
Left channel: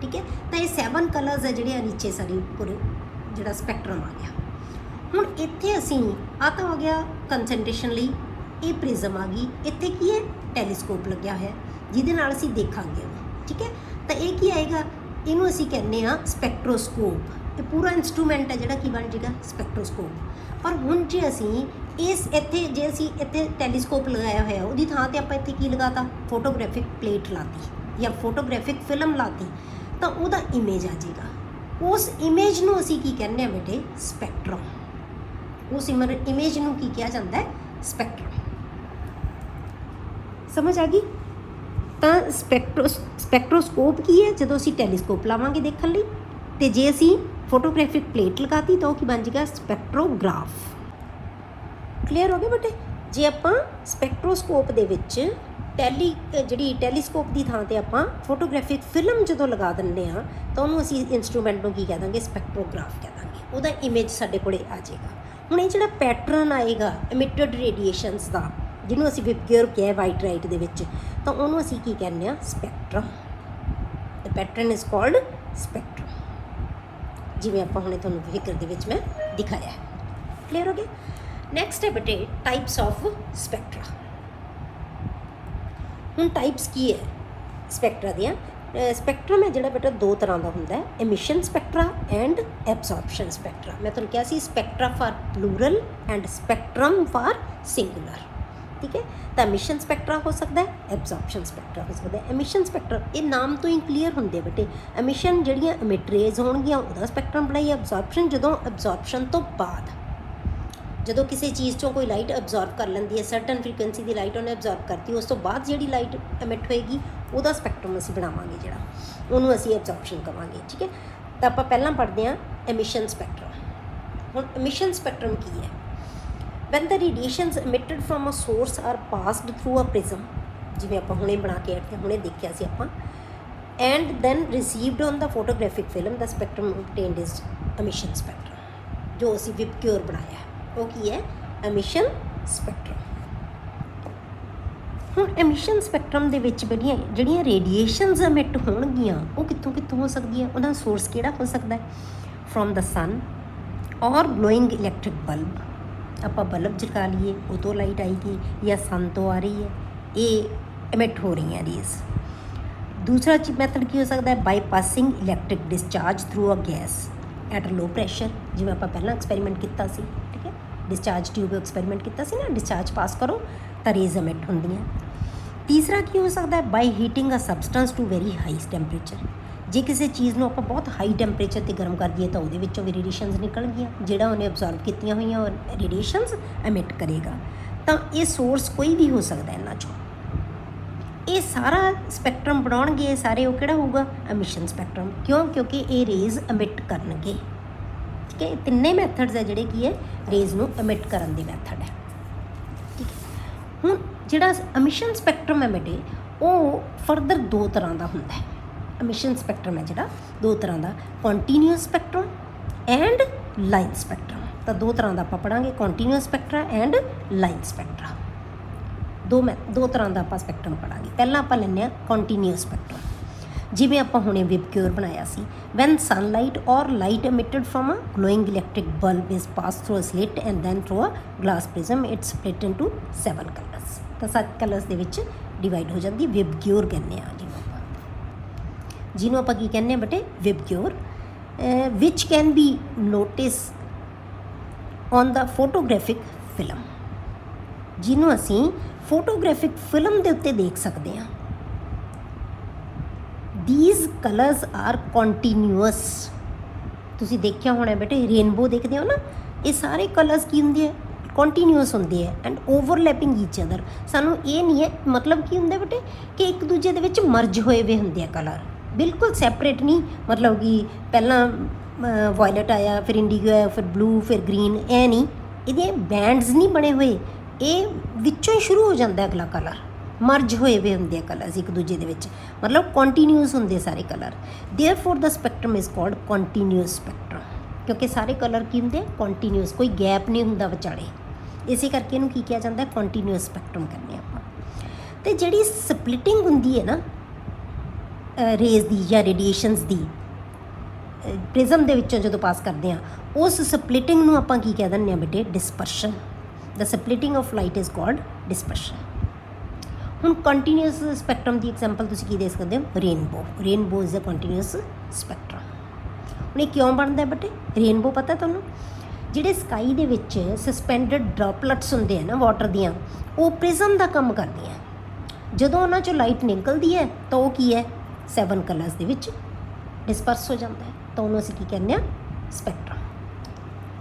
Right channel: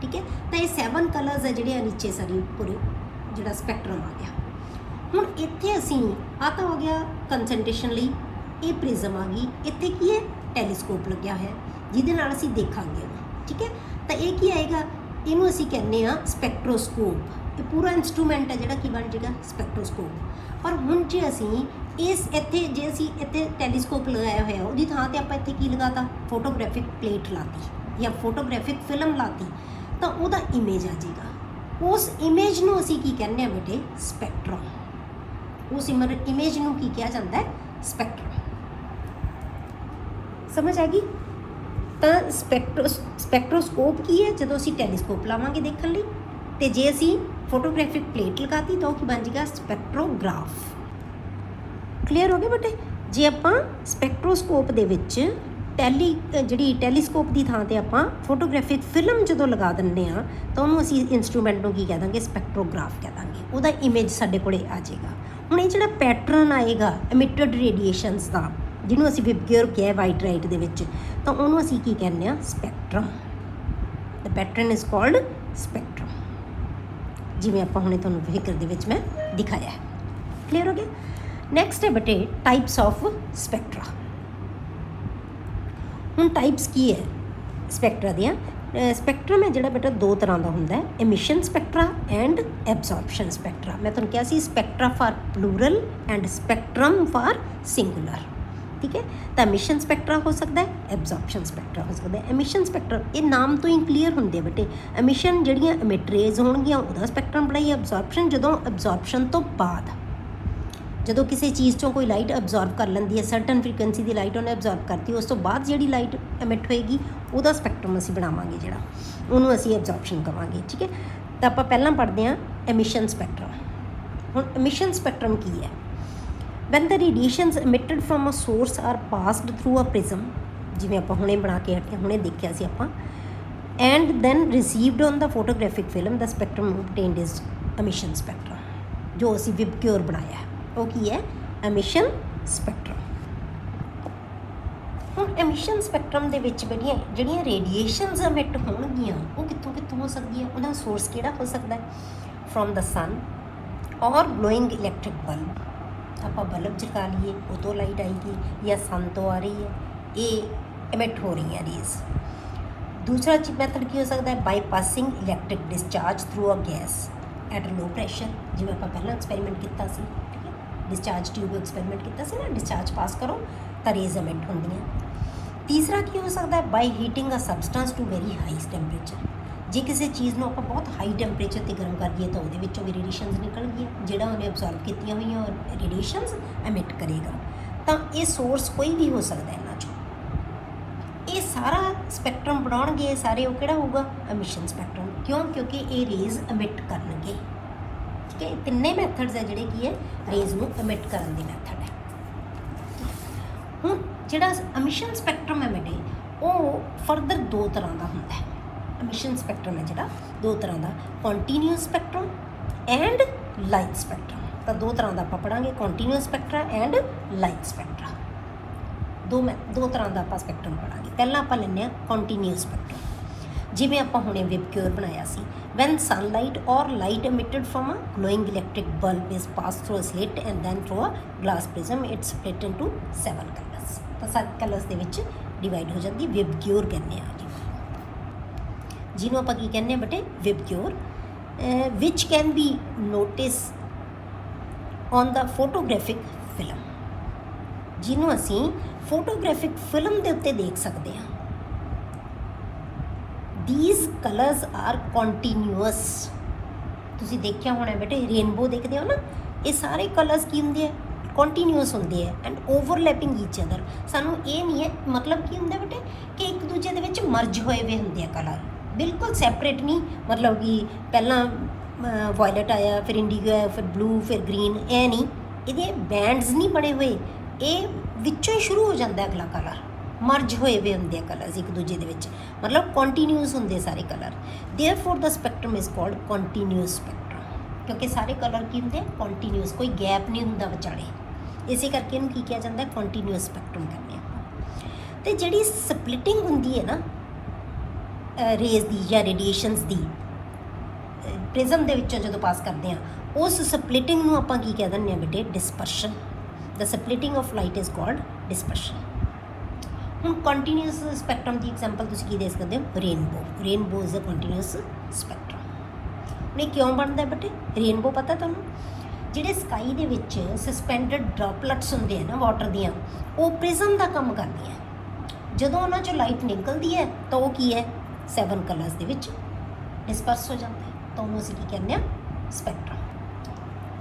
ਠੀਕ ਹੈ, ਤਾਂ ਇਹ 7 ਕਲਰਸ ਹੈ ਜਿਹੜੇ ਨੀਚੇ ਸਾਡੀ ਪੂਰੇ ਜਿਹੜਾ ਸਪੈਕਟਰਮ ਆ ਗਿਆ। ਹੁਣ ਇੱਥੇ ਅਸੀਂ ਆ ਤਾਂ ਹੋ ਗਿਆ ਕੰਸਨਟ੍ਰੇਸ਼ਨ ਲਈ, ਇਹ ਪ੍ਰਿਜ਼ਮ ਆ ਗਈ, ਇੱਥੇ ਕੀ ਹੈ, ਟੈਲੀਸਕੋਪ ਲੱਗਿਆ ਹੋਇਆ ਜਿਹਦੇ ਨਾਲ ਅਸੀਂ ਦੇਖਾਂਗੇ ਉਹਨੂੰ। ਠੀਕ ਹੈ, ਤਾਂ ਇਹ ਕੀ ਆਏਗਾ, ਇਹਨੂੰ ਅਸੀਂ ਕਹਿੰਦੇ ਹਾਂ ਸਪੈਕਟ੍ਰੋਸਕੋਪ। ਇਹ ਪੂਰਾ ਇੰਸਟਰੂਮੈਂਟ ਹੈ ਜਿਹੜਾ ਕੀ ਬਣ ਜਾਏਗਾ, ਸਪੈਕਟ੍ਰੋਸਕੋਪ। ਪਰ ਹੁਣ ਜੇ ਅਸੀਂ ਜੇ ਅਸੀਂ ਇੱਥੇ ਟੈਲੀਸਕੋਪ ਲਗਾਇਆ ਹੋਇਆ, ਉਹਦੀ ਥਾਂ 'ਤੇ ਆਪਾਂ ਇੱਥੇ ਕੀ ਲਗਾਤਾ, ਫੋਟੋਗ੍ਰਾਫਿਕ ਪਲੇਟ ਲਾਤੀ ਜਾਂ ਫੋਟੋਗ੍ਰਾਫਿਕ ਫਿਲਮ ਲਾਤੀ, ਤਾਂ ਉਹਦਾ ਇਮੇਜ ਆ ਜਾਏਗਾ। ਉਸ ਇਮੇਜ ਨੂੰ ਅਸੀਂ ਕੀ ਕਹਿੰਦੇ ਹਾਂ ਬੇਟੇ, ਸਪੈਕਟਰਮ। ਉਸ ਇਮੇਜ ਨੂੰ ਕੀ ਕਿਹਾ ਜਾਂਦਾ ਹੈ, ਸਪੈਕਟਰਮ। ਸਮਝ ਆ ਗਈ? ਤਾਂ ਸਪੈਕਟ੍ਰੋਸਕੋਪ ਕੀ ਹੈ, ਜਦੋਂ ਅਸੀਂ ਟੈਲੀਸਕੋਪ ਲਾਵਾਂਗੇ ਦੇਖਣ ਲਈ, ਤੇ ਜੇ ਅਸੀਂ ਫੋਟੋਗ੍ਰਾਫਿਕ ਪਲੇਟ ਲਗਾਤੀ ਤਾਂ ਉਹ ਕੀ ਬਣ ਜਾਏਗਾ, ਸਪੈਕਟ੍ਰੋਗ੍ਰਾਫ। ਕਲੀਅਰ ਹੋ ਗਿਆ ਬੇਟੇ? ਜੇ ਆਪਾਂ ਸਪੈਕਟ੍ਰੋਸਕੋਪ ਦੇ ਵਿੱਚ ਜਿਹੜੀ ਟੈਲੀਸਕੋਪ ਦੀ ਥਾਂ 'ਤੇ ਆਪਾਂ ਫੋਟੋਗ੍ਰਾਫਿਕ ਫਿਲਮ ਜਦੋਂ ਲਗਾ ਦਿੰਦੇ ਹਾਂ ਤਾਂ ਉਹਨੂੰ ਅਸੀਂ ਇੰਸਟਰੂਮੈਂਟ ਨੂੰ ਕੀ ਕਹਿ ਦਾਂਗੇ, ਸਪੈਕਟ੍ਰੋਗ੍ਰਾਫ ਕਹਿ ਦਾਂਗੇ। ਉਹਦਾ ਇਮੇਜ ਸਾਡੇ ਕੋਲੇ ਆ ਜਾਏਗਾ। ਹੁਣ ਇਹ ਜਿਹੜਾ ਪੈਟਰਨ ਆਏਗਾ ਐਮਿਟਡ ਰੇਡੀਏਸ਼ਨਸ ਦਾ, ਜਿਹਨੂੰ ਅਸੀਂ ਵਿਬਗਿਓਰ ਕਿਹਾ ਵਾਈਟ ਲਾਈਟ ਦੇ ਵਿੱਚ, ਤਾਂ ਉਹਨੂੰ ਅਸੀਂ ਕੀ ਕਹਿੰਦੇ ਹਾਂ, spectrum. The pattern is called spectrum, ਜਿਵੇਂ ਆਪਾਂ ਹੁਣੇ ਤੁਹਾਨੂੰ ਫਿਗਰ ਦੇ ਵਿੱਚ ਮੈਂ ਦਿਖਾਇਆ ਹੈ। ਕਲੀਅਰ ਹੋ ਗਿਆ? ਨੈਕਸਟ ਹੈ ਬੇਟੇ ਟਾਈਪਸ ਆਫ ਸਪੈਕਟਰਾ। ਹੁਣ ਟਾਈਪਸ ਕੀ ਹੈ ਸਪੈਕਟਰਾ ਦੀਆਂ? ਸਪੈਕਟਰਮ ਹੈ ਜਿਹੜਾ ਬੇਟਾ ਦੋ ਤਰ੍ਹਾਂ ਦਾ ਹੁੰਦਾ ਹੈ, emission spectra and absorption spectra. ਮੈਂ ਤੁਹਾਨੂੰ ਕਿਹਾ ਸੀ spectra for plural and spectrum for singular. ਠੀਕ ਹੈ, ਤਾਂ ਐਮਿਸ਼ਨ ਸਪੈਕਟਰਾ ਹੋ ਸਕਦਾ ਹੈ, ਐਬਜ਼ੌਰਪਸ਼ਨ ਸਪੈਕਟਰਾ ਹੋ ਸਕਦਾ ਹੈ। ਐਮਿਸ਼ਨ ਸਪੈਕਟਰਾ ਇਹ ਨਾਮ ਤੋਂ ਹੀ ਕਲੀਅਰ ਹੁੰਦੇ ਬੇਟੇ। ਐਮਿਸ਼ਨ ਜਿਹੜੀਆਂ ਐਮਿਟ ਰੇਜ਼ ਹੋਣਗੀਆਂ ਉਹਦਾ ਸਪੈਕਟਰਮ ਬਣਾਈ। ਐਬਜ਼ੌਰਪਸ਼ਨ ਜਦੋਂ ਐਬਜ਼ੌਰਪਸ਼ਨ ਤੋਂ ਬਾਅਦ, ਜਦੋਂ ਕਿਸੇ ਚੀਜ਼ 'ਚੋਂ ਕੋਈ ਲਾਈਟ ਅਬਜ਼ੌਰਬ ਕਰ ਲੈਂਦੀ ਹੈ, ਸਰਟਨ ਫ੍ਰੀਕੁਐਂਸੀ ਦੀ ਲਾਈਟ ਉਹਨੇ ਅਬਜ਼ੌਰਬ ਕਰਤੀ, ਉਸ ਤੋਂ ਬਾਅਦ ਜਿਹੜੀ ਲਾਈਟ ਐਮਿਟ ਹੋਏਗੀ ਉਹਦਾ ਸਪੈਕਟਰਮ ਅਸੀਂ ਬਣਾਵਾਂਗੇ, ਜਿਹੜਾ ਉਹਨੂੰ ਅਸੀਂ ਐਬਜ਼ੌਰਪਸ਼ਨ ਕਹਾਂਗੇ। ਠੀਕ ਹੈ, ਤਾਂ ਆਪਾਂ ਪਹਿਲਾਂ ਪੜ੍ਹਦੇ ਹਾਂ ਐਮਿਸ਼ਨ ਸਪੈਕਟਰਾ। ਹੁਣ emission spectrum ਕੀ ਹੈ? when the radiations emitted from a source are passed through a prism, ਜਿਵੇਂ ਆਪਾਂ ਹੁਣੇ ਬਣਾ ਕੇ ਹਟੇ, ਹੁਣੇ ਦੇਖਿਆ ਸੀ ਆਪਾਂ, and then received on the photographic film, the spectrum obtained is emission spectrum। ਜੋ ਅਸੀਂ ਵਿਬਕਿਓਰ ਬਣਾਇਆ ਹੈ ਉਹ ਕੀ ਹੈ? emission spectrum। ਹੁਣ emission spectrum ਦੇ ਵਿੱਚ ਜਿਹੜੀਆਂ ਰੇਡੀਏਸ਼ਨਸ emit ਹੋਣਗੀਆਂ ਉਹ ਕਿੱਥੋਂ ਕਿੱਥੋਂ ਹੋ ਸਕਦੀਆਂ? ਉਹਦਾ ਸੋਰਸ ਕਿਹੜਾ ਹੋ ਸਕਦਾ ਹੈ? ਫਰੋਮ ਦਾ ਸਨ ਔਰ ਗਲੋਇੰਗ ਇਲੈਕਟ੍ਰਿਕ ਬਲਬ। ਆਪਾਂ ਬਲਬ ਜਗਾ ਲਈਏ ਉਹ ਤੋਂ ਲਾਈਟ ਆਏਗੀ, ਜਾਂ ਸਨ ਤੋਂ ਆ ਰਹੀ ਹੈ, ਇਹ emit ਹੋ ਰਹੀ ਹੈ ਰੇਜ਼। ਦੂਸਰਾ ਮੈਥਡ ਕੀ ਹੋ ਸਕਦਾ ਹੈ? By passing electric discharge through a gas at low pressure, ਜਿਵੇਂ ਆਪਾਂ ਪਹਿਲਾਂ ਐਕਸਪੈਰੀਮੈਂਟ ਕੀਤਾ ਸੀ, ਠੀਕ ਹੈ, ਡਿਸਚਾਰਜ ਟਿਊਬ ਐਕਸਪੈਰੀਮੈਂਟ ਕੀਤਾ ਸੀ ਨਾ, ਡਿਸਚਾਰਜ ਪਾਸ ਕਰੋ ਤਾਂ ਰੇਜ਼ emit ਹੁੰਦੀਆਂ। ਤੀਸਰਾ ਕੀ ਹੋ ਸਕਦਾ ਹੈ? By heating a substance to very high temperature. ਜੇ ਕਿਸੇ ਚੀਜ਼ ਨੂੰ ਆਪਾਂ ਬਹੁਤ ਹਾਈ ਟੈਂਪਰੇਚਰ 'ਤੇ ਗਰਮ ਕਰ ਦਈਏ ਤਾਂ ਉਹਦੇ ਵਿੱਚੋਂ ਵੀ ਰੇਡੀਏਸ਼ਨਸ ਨਿਕਲਣਗੀਆਂ, ਜਿਹੜਾ ਉਹਨੇ ਅਬਜ਼ਰਵ ਕੀਤੀਆਂ ਹੋਈਆਂ ਉਹ ਰੇਡੀਏਸ਼ਨਸ emit ਕਰੇਗਾ। ਤਾਂ ਇਹ ਸੋਰਸ ਕੋਈ ਵੀ ਹੋ ਸਕਦਾ ਇਹਨਾਂ 'ਚੋਂ। ਇਹ ਸਾਰਾ ਸਪੈਕਟਰਮ ਬਣਾਉਣਗੇ, ਇਹ ਸਾਰੇ, ਉਹ ਕਿਹੜਾ ਹੋਊਗਾ? Emission spectrum. ਕਿਉਂ? ਕਿਉਂਕਿ ਇਹ ਰੇਜ਼ emit ਕਰਨਗੇ, ਠੀਕ ਹੈ। ਤਿੰਨੇ ਮੈਥਡਸ ਹੈ ਜਿਹੜੇ ਕੀ ਹੈ ਰੇਜ਼ ਨੂੰ emit ਕਰਨ ਦੇ ਮੈਥਡ ਹੈ, ਠੀਕ ਹੈ। ਹੁਣ ਜਿਹੜਾ ਐਮਿਸ਼ਨ ਸਪੈਕਟਰਮ ਹੈ ਬੇਟੇ, ਉਹ ਫਰਦਰ ਦੋ ਤਰ੍ਹਾਂ ਦਾ ਹੁੰਦਾ ਹੈ। ਐਮਿਸ਼ਨ ਸਪੈਕਟਰਮ ਹੈ ਜਿਹੜਾ ਦੋ ਤਰ੍ਹਾਂ ਦਾ, continuous spectrum and line spectrum. ਤਾਂ ਦੋ ਤਰ੍ਹਾਂ ਦਾ ਆਪਾਂ ਪੜਾਂਗੇ, continuous spectrum and line spectrum. ਦੋ ਤਰ੍ਹਾਂ ਦਾ ਆਪਾਂ ਸਪੈਕਟਰਮ ਪੜਾਂਗੇ। ਪਹਿਲਾਂ ਆਪਾਂ ਲੈਂਦੇ ਹਾਂ ਕੰਟੀਨਿਊਸ ਸਪੈਕਟਰਮ। ਜਿਵੇਂ ਆਪਾਂ ਹੁਣੇ ਵਿਬਕਿਓਰ ਬਣਾਇਆ ਸੀ, ਵੈਨ ਸਨਲਾਈਟ ਔਰ light emitted from a glowing electric bulb is passed through a slit and then through a glass prism, it's split into 7 colors। ਤਾਂ 7 ਕਲਰਸ ਦੇ ਵਿੱਚ ਡਿਵਾਈਡ ਹੋ ਜਾਂਦੀ, ਵਿਬਕਿਓਰ ਕਹਿੰਦੇ ਆ ਜਿਹਨੂੰ ਆਪਾਂ ਕੀ ਕਹਿੰਦੇ ਹਾਂ ਬੇਟੇ? VIBGYOR, which can be notice on the photographic film, ਜਿਹਨੂੰ ਅਸੀਂ ਫੋਟੋਗ੍ਰਾਫਿਕ ਫਿਲਮ ਦੇ ਉੱਤੇ ਦੇਖ ਸਕਦੇ ਹਾਂ। these colors are continuous। ਤੁਸੀਂ ਦੇਖਿਆ ਹੋਣਾ ਬੇਟੇ, ਰੇਨਬੋ ਦੇਖਦੇ ਹੋ ਨਾ, ਇਹ ਸਾਰੇ ਕਲਰਸ ਕੀ ਹੁੰਦੇ ਆ? ਕੰਟੀਨਿਊਸ ਹੁੰਦੇ ਆ ਐਂਡ ਓਵਰਲੈਪਿੰਗ ਈਚ ਅਦਰ। ਸਾਨੂੰ ਇਹ ਨਹੀਂ ਹੈ, ਮਤਲਬ ਕੀ ਹੁੰਦਾ ਬੇਟੇ ਕਿ ਇੱਕ ਦੂਜੇ ਦੇ ਵਿੱਚ ਮਰਜ ਹੋਏ ਵੇ ਹੁੰਦੇ ਆ ਕਲਰ, ਬਿਲਕੁਲ ਸੈਪਰੇਟ ਨਹੀਂ। ਮਤਲਬ ਕਿ ਪਹਿਲਾਂ ਵਾਇਲਟ ਆਇਆ, ਫਿਰ ਇੰਡੀਗੋ ਆਇਆ, ਫਿਰ ਬਲੂ, ਫਿਰ ਗ੍ਰੀਨ, ਇਹ ਨਹੀਂ, ਇਹਦੇ ਬੈਂਡਸ ਨਹੀਂ ਬਣੇ ਹੋਏ, ਇਹ ਵਿੱਚੋਂ ਹੀ ਸ਼ੁਰੂ ਹੋ ਜਾਂਦਾ ਅਗਲਾ ਕਲਰ, ਮਰਜ ਹੋਏ ਵੇ ਹੁੰਦੇ ਕਲਰਸ ਇੱਕ ਦੂਜੇ ਦੇ ਵਿੱਚ, ਮਤਲਬ ਕੰਟੀਨਿਊਸ ਹੁੰਦੇ ਸਾਰੇ colour. Therefore the spectrum is called continuous spectrum, ਕਿਉਂਕਿ ਸਾਰੇ ਕਲਰ ਕੀ ਹੁੰਦੇ? ਕੰਟੀਨਿਊਸ, ਕੋਈ ਗੈਪ ਨਹੀਂ ਹੁੰਦਾ ਵਿਚਾਲੇ, ਇਸੇ ਕਰਕੇ ਇਹਨੂੰ ਕੀ ਕਿਹਾ ਜਾਂਦਾ? ਕੰਟੀਨਿਊਸ ਸਪੈਕਟਰਮ ਕਹਿੰਦੇ ਆਪਾਂ। ਅਤੇ ਜਿਹੜੀ ਸਪਲਿਟਿੰਗ ਹੁੰਦੀ ਹੈ ਨਾ ਰੇਜ਼ ਦੀ ਜਾਂ ਰੇਡੀਏਸ਼ਨਸ ਦੀ, ਪ੍ਰਿਜ਼ਮ ਦੇ ਵਿੱਚੋਂ ਜਦੋਂ ਪਾਸ ਕਰਦੇ ਆ, ਉਸ ਸਪਲਿਟਿੰਗ ਨੂੰ ਆਪਾਂ ਕੀ ਕਹਿ ਦਿੰਦੇ ਹਾਂ ਬੇਟੇ? Dispersion. The splitting of light is called dispersion. ਹੁਣ ਕੰਟੀਨਿਊਸ ਸਪੈਕਟਰਮ ਦੀ ਐਗਜ਼ਾਮਪਲ ਤੁਸੀਂ ਕੀ ਦੇ ਸਕਦੇ ਹੋ? Rainbow. Rainbow is a continuous spectrum. ਹੁਣ ਇਹ ਕਿਉਂ ਬਣਦਾ ਬੇਟੇ ਰੇਨਬੋ? ਪਤਾ ਤੁਹਾਨੂੰ, ਜਿਹੜੇ ਸਕਾਈ ਦੇ ਵਿੱਚ ਸਸਪੈਂਡਡ ਡ੍ਰੌਪਲੇਟਸ ਹੁੰਦੇ ਆ ਨਾ ਵਾਟਰ ਦੀਆਂ, ਉਹ ਪ੍ਰਿਜ਼ਮ ਦਾ ਕੰਮ ਕਰਦੇ ਆ। ਜਦੋਂ ਉਹਨਾਂ 'ਚੋਂ ਲਾਈਟ ਨਿਕਲਦੀ ਹੈ ਤਾਂ ਉਹ ਕੀ ਹੈ? 7 ਕਲਰਸ ਦੇ ਵਿੱਚ ਡਿਸਪਰਸ ਹੋ ਜਾਂਦਾ ਹੈ, ਤਾਂ ਉਹਨੂੰ ਅਸੀਂ ਕੀ ਕਹਿੰਦੇ ਹਾਂ? ਸਪੈਕਟਰਮ।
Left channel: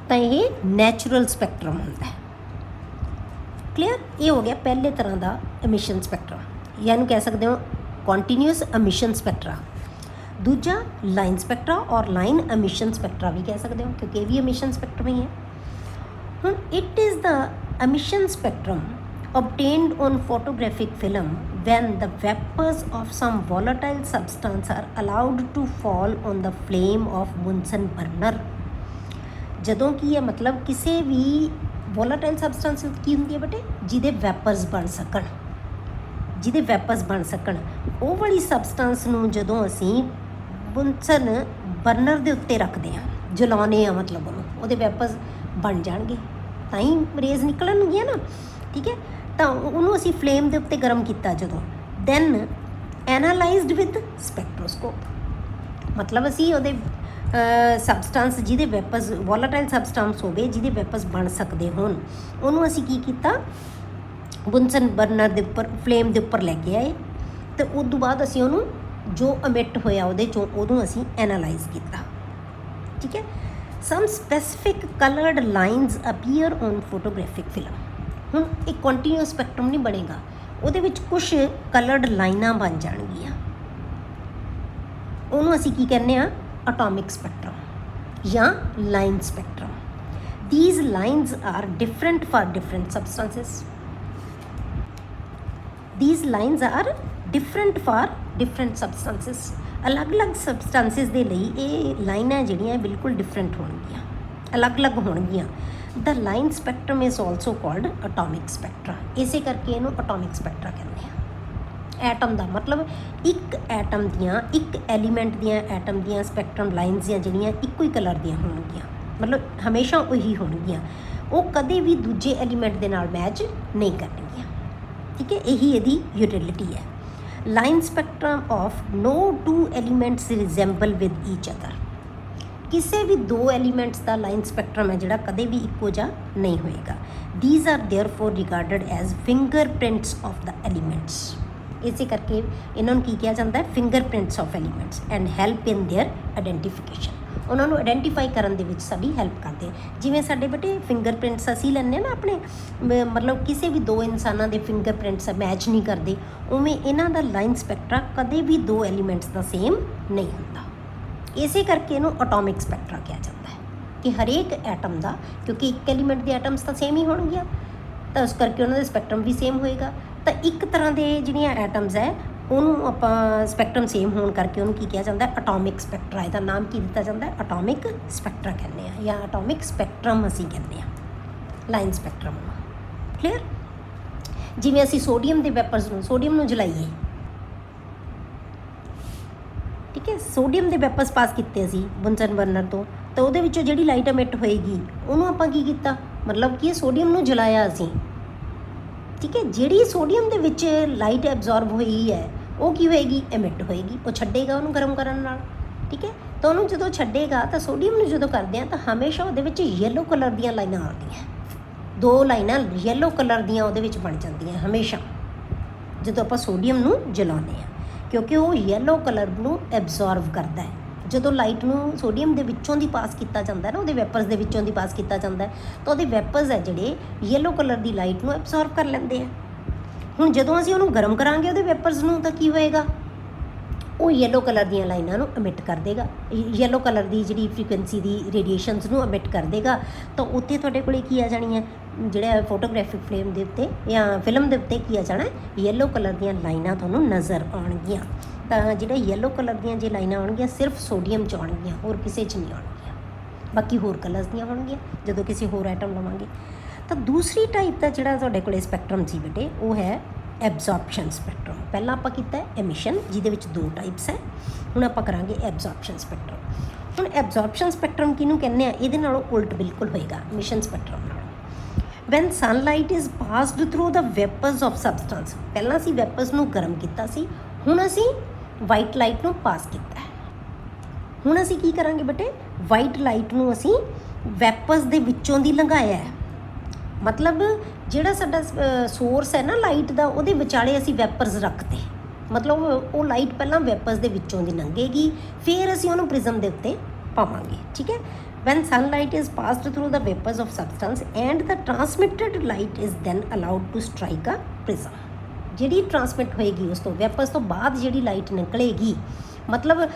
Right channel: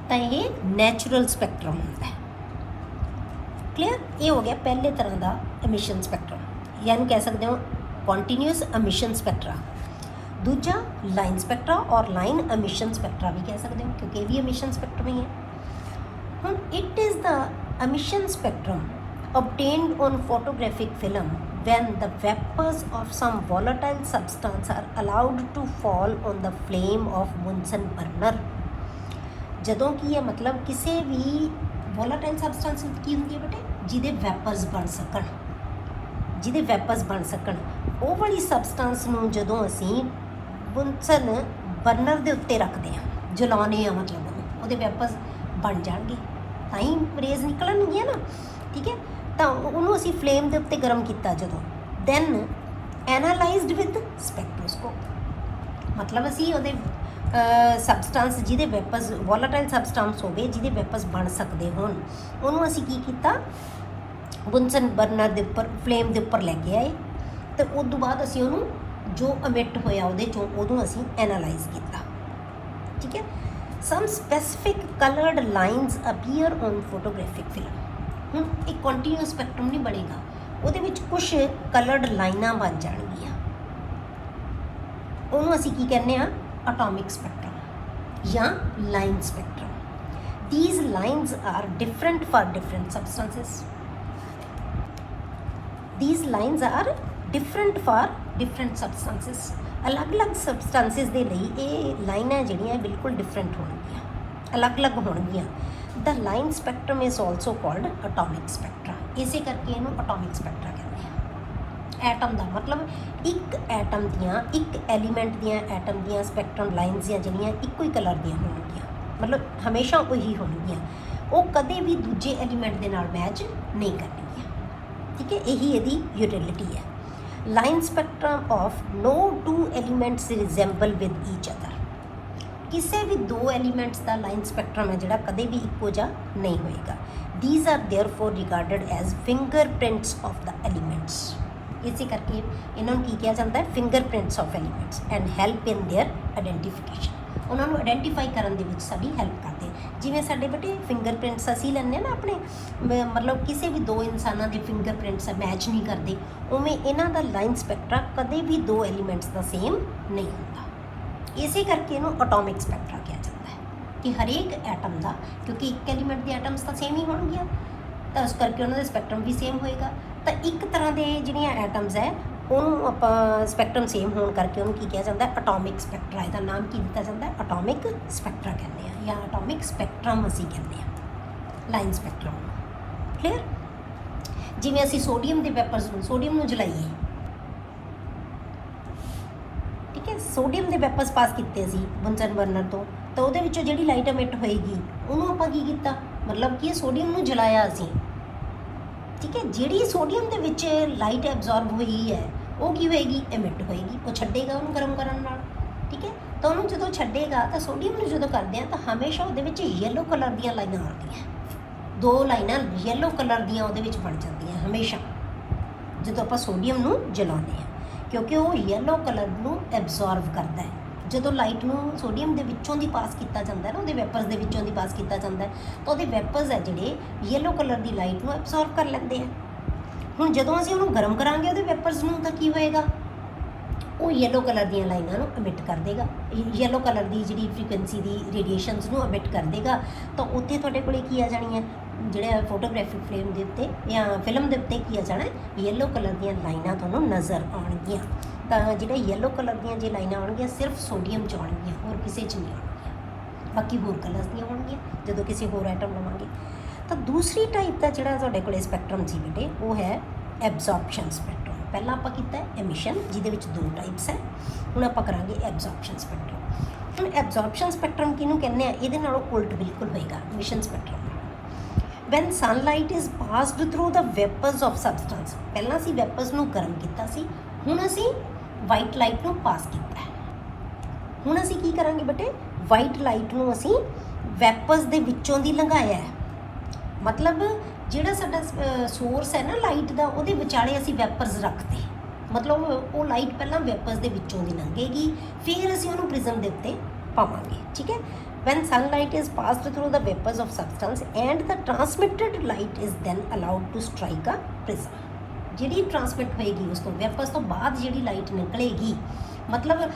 ਤਾਂ ਇਹ ਨੈਚੁਰਲ ਸਪੈਕਟਰਮ ਹੁੰਦਾ ਹੈ। ਕਲੀਅਰ? ਇਹ ਹੋ ਗਿਆ ਪਹਿਲੇ ਤਰ੍ਹਾਂ ਦਾ ਐਮਿਸ਼ਨ ਸਪੈਕਟਰਮ, ਜਾਂ ਇਹਨੂੰ ਕਹਿ ਸਕਦੇ ਹੋ ਕੰਟੀਨਿਊਸ ਐਮਿਸ਼ਨ ਸਪੈਕਟਰਾ। ਦੂਜਾ ਲਾਈਨ ਸਪੈਕਟਰਾ ਔਰ ਲਾਈਨ ਐਮਿਸ਼ਨ ਸਪੈਕਟਰਾ ਵੀ ਕਹਿ ਸਕਦੇ ਹੋ, ਕਿਉਂਕਿ ਇਹ ਵੀ ਐਮਿਸ਼ਨ ਸਪੈਕਟਰਮ ਹੀ ਹੈ। ਹੁਣ it is the emission spectrum obtained on photographic film when the vapors of some volatile substance are allowed to fall on the flame of Bunsen burner। ਜਦੋਂ ਕੀ ਹੈ ਮਤਲਬ ਕਿਸੇ ਵੀ ਵੋਲਾਟਾਈਲ ਸਬਸਟੈਂਸ ਕੀ ਹੁੰਦੀ ਹੈ ਬੇਟੇ? ਜਿਹਦੇ ਵੈਪਰਸ ਬਣ ਸਕਣ, ਜਿਹਦੇ ਵੈਪਰਸ ਬਣ ਸਕਣ, ਉਹ ਵਾਲੀ ਸਬਸਟੈਂਸ ਨੂੰ ਜਦੋਂ ਅਸੀਂ ਬੁੰਸਨ ਬਰਨਰ ਦੇ ਉੱਤੇ ਰੱਖਦੇ ਹਾਂ, ਜਲਾਉਂਦੇ ਹਾਂ, ਮਤਲਬ ਉਹਦੇ ਵੈਪਰਸ ਬਣ ਜਾਣਗੇ, ਤਾਂ ਹੀ ਰੇਜ਼ ਨਿਕਲਣਗੀਆਂ ਨਾ, ਠੀਕ ਹੈ। ਤਾਂ ਉਹਨੂੰ ਅਸੀਂ ਫਲੇਮ ਦੇ ਉੱਤੇ ਗਰਮ ਕੀਤਾ ਜਦੋਂ, ਦੈਨ ਐਨਾਲਾਈਜ਼ਡ ਵਿਦ ਸਪੈਕਟ੍ਰੋਸਕੋਪ, ਮਤਲਬ ਅਸੀਂ ਉਹਦੇ ਸਬਸਟੈਂਸ ਜਿਹਦੇ ਵੈਪਰਸ ਵੋਲਾਟਾਈਲ ਸਬਸਟੈਂਸ ਹੋਵੇ, ਜਿਹਦੇ ਵੈਪਰਸ ਬਣ ਸਕਦੇ ਹੋਣ, ਉਹਨੂੰ ਅਸੀਂ ਕੀ ਕੀਤਾ? ਬੁੰਸਨ ਬਰਨਰ ਦੇ ਉੱਪਰ ਫਲੇਮ ਦੇ ਉੱਪਰ ਲੈ ਕੇ ਆਏ, ਅਤੇ ਉਸ ਤੋਂ ਬਾਅਦ ਅਸੀਂ ਉਹਨੂੰ ਜੋ ਅਮਿਟ ਹੋਇਆ ਉਹਦੇ 'ਚੋਂ ਉਹਨੂੰ ਅਸੀਂ ਐਨਾਲਾਈਜ਼ ਕੀਤਾ, ਠੀਕ ਹੈ। Some specific coloured lines appear on photographic film. ਹੁਣ ਇੱਕ ਕੰਟੀਨਿਊਸ ਸਪੈਕਟਰਮ ਨਹੀਂ ਬਣੇਗਾ, ਉਹਦੇ ਵਿੱਚ ਕੁਛ ਕਲਰਡ ਲਾਈਨਾਂ ਬਣ ਜਾਣਗੀਆਂ, ਉਹਨੂੰ ਅਸੀਂ ਕੀ ਕਹਿੰਦੇ ਹਾਂ? ਅਟੋਮਿਕ ਸਪੈਕਟਰਮ ਜਾਂ line spectrum. these lines are different for different substances. These lines are different for different substances. अलग-अलग substances ਦੇ ਲਈ ਇਹ ਲਾਈਨਾਂ ਜਿਹੜੀਆਂ ਬਿਲਕੁਲ different ਹੋਣਗੀਆਂ, ਅਲੱਗ-ਅਲੱਗ ਹੋਣਗੀਆਂ। The line spectrum is also called atomic spectra. ਇਸੇ ਕਰਕੇ ਇਹਨੂੰ atomic spectra ਕਹਿੰਦੇ ਆ। ਐਟਮ ਦਾ ਮਤਲਬ ਇੱਕ ਐਟਮ ਦੀਆਂ, ਇੱਕ ਐਲੀਮੈਂਟ ਦੀਆਂ ਐਟਮ ਦੀਆਂ ਸਪੈਕਟਰਮ ਲਾਈਨਸ ਜਿਹੜੀਆਂ ਇੱਕੋ ਹੀ ਕਲਰ ਦੀਆਂ ਹੋਣਗੀਆਂ, ਮਤਲਬ ਹਮੇਸ਼ਾ ਉਹੀ ਹੋਣਗੀਆਂ, ਉਹ ਕਦੇ ਵੀ ਦੂਜੇ ਐਲੀਮੈਂਟ ਦੇ ਨਾਲ ਮੈਚ ਨਹੀਂ ਕਰਨਗੀਆਂ। ਠੀਕ ਹੈ, ਇਹੀ ਇਹਦੀ ਯੂਟਿਲਿਟੀ ਹੈ। Line spectrum of no two elements resemble with each other. ਕਿਸੇ ਵੀ ਦੋ ਐਲੀਮੈਂਟਸ ਦਾ ਲਾਈਨ ਸਪੈਕਟਰਮ ਹੈ ਜਿਹੜਾ ਕਦੇ ਵੀ ਇੱਕੋ ਜਿਹਾ ਨਹੀਂ ਹੋਏਗਾ। These are therefore regarded as fingerprints of the elements. ਇਸੇ ਕਰਕੇ ਇਹਨਾਂ ਨੂੰ ਕੀ ਕਿਹਾ ਜਾਂਦਾ ਹੈ? Fingerprints of elements and help in there identification. ਉਹਨਾਂ ਨੂੰ ਆਈਡੈਂਟੀਫਾਈ ਕਰਨ ਦੇ ਵਿੱਚ ਸਾਡੀ ਹੈਲਪ ਕਰਦੇ। ਜਿਵੇਂ ਸਾਡੇ ਬੇਟੇ ਫਿੰਗਰਪ੍ਰਿੰਟਸ ਅਸੀਂ ਲੈਂਦੇ ਨਾ ਆਪਣੇ, ਮਤਲਬ ਕਿਸੇ ਵੀ ਦੋ ਇਨਸਾਨਾਂ ਦੇ ਫਿੰਗਰਪ੍ਰਿੰਟਸ ਮੈਚ ਨਹੀਂ ਕਰਦੇ, ਉਵੇਂ ਇਹਨਾਂ ਦਾ ਲਾਈਨ ਸਪੈਕਟਰਾ ਕਦੇ ਵੀ ਦੋ ਐਲੀਮੈਂਟਸ ਦਾ ਸੇਮ ਨਹੀਂ ਹੁੰਦਾ। ਇਸੇ ਕਰਕੇ ਇਹਨੂੰ ਐਟੋਮਿਕ ਸਪੈਕਟਰਾ ਕਿਹਾ ਜਾਂਦਾ ਹੈ ਕਿ ਹਰੇਕ ਐਟਮ ਦਾ, ਕਿਉਂਕਿ ਇੱਕ ਐਲੀਮੈਂਟ ਦੇ ਐਟਮਸ ਤਾਂ ਸੇਮ ਹੀ ਹੋਣਗੀਆਂ, ਤਾਂ ਉਸ ਕਰਕੇ ਉਹਨਾਂ ਦਾ ਸਪੈਕਟਰਮ ਵੀ ਸੇਮ ਹੋਏਗਾ। ਤਾਂ ਇੱਕ ਤਰ੍ਹਾਂ ਦੇ ਜਿਹੜੀਆਂ ਐਟਮਸ ਹੈ ਉਹਨੂੰ ਆਪਾਂ ਸਪੈਕਟਰਮ ਸੇਮ ਹੋਣ ਕਰਕੇ ਉਹਨੂੰ ਕੀ ਕਿਹਾ ਜਾਂਦਾ? Atomic spectra. ਇਹਦਾ ਨਾਮ ਕੀ ਦਿੱਤਾ ਜਾਂਦਾ? ਐਟੋਮਿਕ ਸਪੈਕਟਰਾ ਕਹਿੰਦੇ ਆ, ਜਾਂ ਐਟੋਮਿਕ ਸਪੈਕਟਰਮ ਅਸੀਂ ਕਹਿੰਦੇ ਆ, ਲਾਈਨ ਸਪੈਕਟਰਮ। ਕਲੀਅਰ? ਜਿਵੇਂ ਅਸੀਂ ਸੋਡੀਅਮ ਦੇ ਵੈਪਰਸ ਨੂੰ, ਸੋਡੀਅਮ ਨੂੰ ਜਲਾਈਏ, ਠੀਕ ਹੈ, ਸੋਡੀਅਮ ਦੇ ਵੈਪਰਸ ਪਾਸ ਕੀਤੇ ਅਸੀਂ ਬੁੰਸਨ ਬਰਨਰ ਤੋਂ, ਤਾਂ ਉਹਦੇ ਵਿੱਚੋਂ ਜਿਹੜੀ ਲਾਈਟ ਐਮਿਟ ਹੋਏਗੀ ਉਹਨੂੰ ਆਪਾਂ ਕੀ ਕੀਤਾ? ਮਤਲਬ ਕਿ ਸੋਡੀਅਮ ਨੂੰ ਜਲਾਇਆ ਅਸੀਂ, ਠੀਕ ਹੈ। ਜਿਹੜੀ ਸੋਡੀਅਮ ਦੇ ਵਿੱਚ ਲਾਈਟ ਐਬਜ਼ੌਰਬ ਹੋਈ ਹੈ ਉਹ ਕੀ ਹੋਏਗੀ? ਐਮਿਟ ਹੋਏਗੀ। ਉਹ ਛੱਡੇਗਾ ਉਹਨੂੰ ਗਰਮ ਕਰਨ ਨਾਲ, ਠੀਕ ਹੈ। ਤਾਂ ਉਹਨੂੰ ਜਦੋਂ ਛੱਡੇਗਾ ਤਾਂ ਸੋਡੀਅਮ ਨੂੰ ਜਦੋਂ ਕਰਦੇ ਆ ਤਾਂ ਹਮੇਸ਼ਾ ਉਹਦੇ ਵਿੱਚ ਯੈਲੋ ਕਲਰ ਦੀਆਂ ਲਾਈਨਾਂ ਆਉਂਦੀਆਂ, ਦੋ ਲਾਈਨਾਂ ਯੈਲੋ ਕਲਰ ਦੀਆਂ ਉਹਦੇ ਵਿੱਚ ਬਣ ਜਾਂਦੀਆਂ ਹਮੇਸ਼ਾ ਜਦੋਂ ਆਪਾਂ ਸੋਡੀਅਮ ਨੂੰ ਜਲਾਉਂਦੇ ਹਾਂ, ਕਿਉਂਕਿ ਉਹ ਯੈਲੋ ਕਲਰ ਨੂੰ ਐਬਜ਼ੌਰਬ ਕਰਦਾ ਹੈ। ਜਦੋਂ ਲਾਈਟ ਨੂੰ ਸੋਡੀਅਮ ਦੇ ਵਿੱਚੋਂ ਦੀ ਪਾਸ ਕੀਤਾ ਜਾਂਦਾ ਹੈ ਨਾ, ਉਹਦੇ ਵੈਪਰਸ ਦੇ ਵਿੱਚੋਂ ਦੀ ਪਾਸ ਕੀਤਾ ਜਾਂਦਾ ਹੈ, ਤਾਂ ਉਹਦੇ ਵੈਪਰਸ ਹੈ ਜਿਹੜੇ ਯੈਲੋ ਕਲਰ ਦੀ ਲਾਈਟ ਨੂੰ ਐਬਜ਼ੌਰਬ ਕਰ ਲੈਂਦੇ ਆ। ਹੁਣ ਜਦੋਂ ਅਸੀਂ ਉਹਨੂੰ ਗਰਮ ਕਰਾਂਗੇ ਉਹਦੇ ਵੈਪਰਸ ਨੂੰ, ਤਾਂ ਕੀ ਹੋਏਗਾ? ਉਹ ਯੈਲੋ ਕਲਰ ਦੀਆਂ ਲਾਈਨਾਂ ਨੂੰ ਐਮਿਟ ਕਰ ਦੇਗਾ, ਯੈਲੋ ਕਲਰ ਦੀ ਜਿਹੜੀ ਫ੍ਰੀਕੁਐਂਸੀ ਦੀ ਰੇਡੀਏਸ਼ਨਸ ਨੂੰ ਐਮਿਟ ਕਰ ਦੇਗਾ। ਤਾਂ ਉੱਤੇ ਤੁਹਾਡੇ ਕੋਲੇ ਕੀ ਆ ਜਾਣੀਆਂ? ਜਿਹੜਾ ਫੋਟੋਗ੍ਰਾਫਿਕ ਫਰੇਮ ਦੇ ਉੱਤੇ ਜਾਂ ਫਿਲਮ ਦੇ ਉੱਤੇ ਕੀ ਆ ਜਾਣਾ? ਯੈਲੋ ਕਲਰ ਦੀਆਂ ਲਾਈਨਾਂ ਤੁਹਾਨੂੰ ਨਜ਼ਰ ਆਉਣਗੀਆਂ। ਤਾਂ ਜਿਹੜਾ ਯੈਲੋ ਕਲਰ ਦੀਆਂ ਜੇ ਲਾਈਨਾਂ ਆਉਣਗੀਆਂ ਸਿਰਫ ਸੋਡੀਅਮ 'ਚ ਆਉਣਗੀਆਂ, ਹੋਰ ਕਿਸੇ 'ਚ ਨਹੀਂ ਆਉਣਗੀਆਂ। ਬਾਕੀ ਹੋਰ ਕਲਰਸ ਦੀਆਂ ਹੋਣਗੀਆਂ ਜਦੋਂ ਕਿਸੇ ਹੋਰ ਐਟਮ ਬਣਾਉਣਗੇ। ਤਾਂ ਦੂਸਰੀ ਟਾਈਪ ਦਾ ਜਿਹੜਾ ਤੁਹਾਡੇ ਕੋਲ ਸਪੈਕਟਰਮ ਸੀ ਬੇਟੇ, ਉਹ ਹੈ ਐਬਜ਼ੌਰਪਸ਼ਨ ਸਪੈਕਟਰਮ। ਪਹਿਲਾਂ ਆਪਾਂ ਕੀਤਾ ਐਮਿਸ਼ਨ, ਜਿਹਦੇ ਵਿੱਚ ਦੋ ਟਾਈਪਸ ਹੈ। ਹੁਣ ਆਪਾਂ ਕਰਾਂਗੇ ਐਬਜ਼ੌਰਪਸ਼ਨ ਸਪੈਕਟਰਮ। ਹੁਣ ਐਬਜ਼ੌਰਪਸ਼ਨ ਸਪੈਕਟਰਮ ਕਿਹਨੂੰ ਕਹਿੰਦੇ ਆ? ਇਹਦੇ ਨਾਲੋਂ ਉਲਟ ਬਿਲਕੁਲ ਹੋਏਗਾ emission spectrum. When sunlight is passed through the vapours of substance. ਪਹਿਲਾਂ ਅਸੀਂ ਵੈਪਰਸ ਨੂੰ ਗਰਮ ਕੀਤਾ ਸੀ, ਹੁਣ ਅਸੀਂ ਵਾਈਟ ਲਾਈਟ ਨੂੰ ਪਾਸ ਕੀਤਾ ਹੈ। ਹੁਣ ਅਸੀਂ ਕੀ ਕਰਾਂਗੇ ਬੇਟੇ? ਵਾਈਟ ਲਾਈਟ ਨੂੰ ਅਸੀਂ ਵੈਪਰਸ ਦੇ ਵਿੱਚੋਂ ਦੀ ਲੰਘਾਇਆ ਹੈ। ਮਤਲਬ ਜਿਹੜਾ ਸਾਡਾ ਸੋਰਸ ਹੈ ਨਾ ਲਾਈਟ ਦਾ, ਉਹਦੇ ਵਿਚਾਲੇ ਅਸੀਂ ਵੈਪਰਸ ਰੱਖਦੇ, ਮਤਲਬ ਉਹ ਲਾਈਟ ਪਹਿਲਾਂ ਵੈਪਰਸ ਦੇ ਵਿੱਚੋਂ ਦੀ ਲੰਘੇਗੀ, ਫਿਰ ਅਸੀਂ ਉਹਨੂੰ ਪ੍ਰਿਜ਼ਮ ਦੇ ਉੱਤੇ ਪਾਵਾਂਗੇ, ਠੀਕ ਹੈ। When sunlight is passed through the vapors of substance and the transmitted light is then allowed to strike a prism. ਜਿਹੜੀ ਟਰਾਂਸਮਿਟ ਹੋਏਗੀ ਉਸ ਤੋਂ ਵੈਪਰਸ ਤੋਂ ਬਾਅਦ ਜਿਹੜੀ ਲਾਈਟ ਨਿਕਲੇਗੀ, ਮਤਲਬ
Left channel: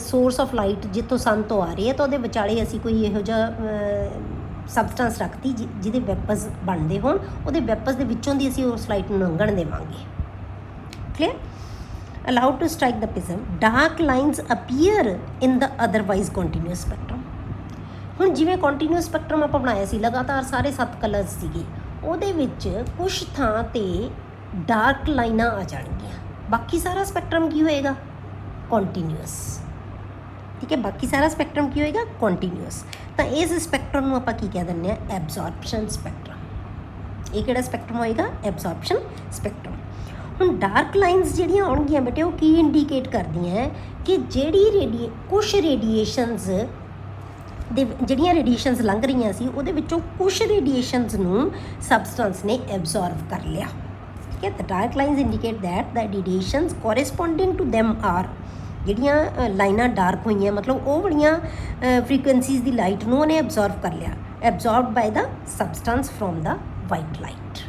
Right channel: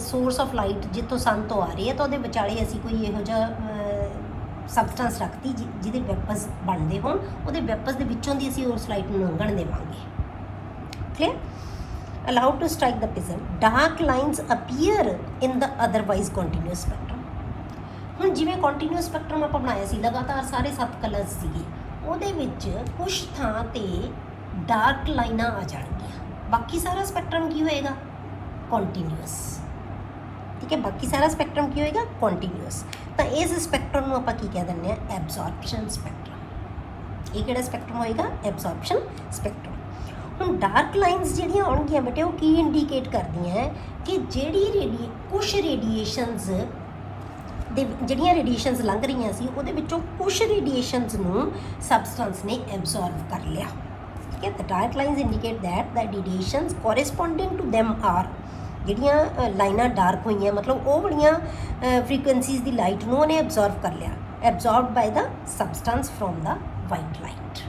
ਸੋਰਸ ਆਫ ਲਾਈਟ ਜਿੱਥੋਂ ਸਨ ਤੋਂ ਆ ਰਹੀ ਹੈ, ਤਾਂ ਉਹਦੇ ਵਿਚਾਲੇ ਅਸੀਂ ਕੋਈ ਇਹੋ ਜਿਹਾ ਸਬਸਟੈਂਸ ਰੱਖਤੀ ਜਿਹਦੇ ਵੈਪਰਸ ਬਣਦੇ ਹੋਣ, ਉਹਦੇ ਵੈਪਰਸ ਦੇ ਵਿੱਚੋਂ ਦੀ ਅਸੀਂ ਉਸ ਲਾਈਟ ਨੂੰ ਲੰਘਣ ਦੇਵਾਂਗੇ। Clear? allowed to strike the prism, dark lines appear in the otherwise continuous spectrum. ਹੁਣ ਜਿਵੇਂ ਕੰਟੀਨਿਊਸ ਸਪੈਕਟਰਮ ਆਪਾਂ ਬਣਾਇਆ ਸੀ, ਲਗਾਤਾਰ ਸਾਰੇ 7 ਕਲਰਸ ਸੀਗੇ, ਉਹਦੇ ਵਿੱਚ ਕੁਝ ਥਾਂ 'ਤੇ ਡਾਰਕ ਲਾਈਨਾਂ ਆ ਜਾਣਗੀਆਂ। ਬਾਕੀ ਸਾਰਾ ਸਪੈਕਟਰਮ ਕੀ ਹੋਏਗਾ? ਕੰਟੀਨਿਊਸ, ਠੀਕ ਹੈ। ਬਾਕੀ ਸਾਰਾ ਸਪੈਕਟਰਮ ਕੀ ਹੋਏਗਾ? ਕੰਟੀਨਿਊਸ। ਤਾਂ ਇਸ ਸਪੈਕਟਰਮ ਨੂੰ ਆਪਾਂ ਕੀ ਕਹਿ ਦਿੰਦੇ ਆ? ਐਬਜ਼ੌਰਪਸ਼ਨ ਸਪੈਕਟਰਮ। ਇਹ ਕਿਹੜਾ ਸਪੈਕਟਰਮ ਹੋਏਗਾ? ਐਬਜ਼ੌਰਪਸ਼ਨ ਸਪੈਕਟਰਮ। ਹੁਣ ਡਾਰਕ ਲਾਈਨਸ ਜਿਹੜੀਆਂ ਆਉਣਗੀਆਂ ਬੇਟੇ, ਉਹ ਕੀ ਇੰਡੀਕੇਟ ਕਰਦੀਆਂ ਹੈ ਕਿ ਜਿਹੜੀ ਕੁਛ ਰੇਡੀਏਸ਼ਨਸ ਦੇ ਜਿਹੜੀਆਂ ਰੇਡੀਏਸ਼ਨਸ ਲੰਘ ਰਹੀਆਂ ਸੀ, ਉਹਦੇ ਵਿੱਚੋਂ ਕੁਛ ਰੇਡੀਏਸ਼ਨਸ ਨੂੰ ਸਬਸਟੈਂਸ ਨੇ ਐਬਜ਼ੌਰਬ ਕਰ ਲਿਆ, ਠੀਕ ਹੈ। Dark lines indicate that the radiations corresponding to them are, ਜਿਹੜੀਆਂ ਲਾਈਨਾਂ ਡਾਰਕ ਹੋਈਆਂ ਮਤਲਬ ਉਹ ਵਾਲੀਆਂ ਫ੍ਰੀਕੁਐਂਸੀਜ਼ ਦੀ ਲਾਈਟ ਨੂੰ ਉਹਨੇ ਐਬਜ਼ੌਰਬ ਕਰ ਲਿਆ, absorb by the substance from the white light.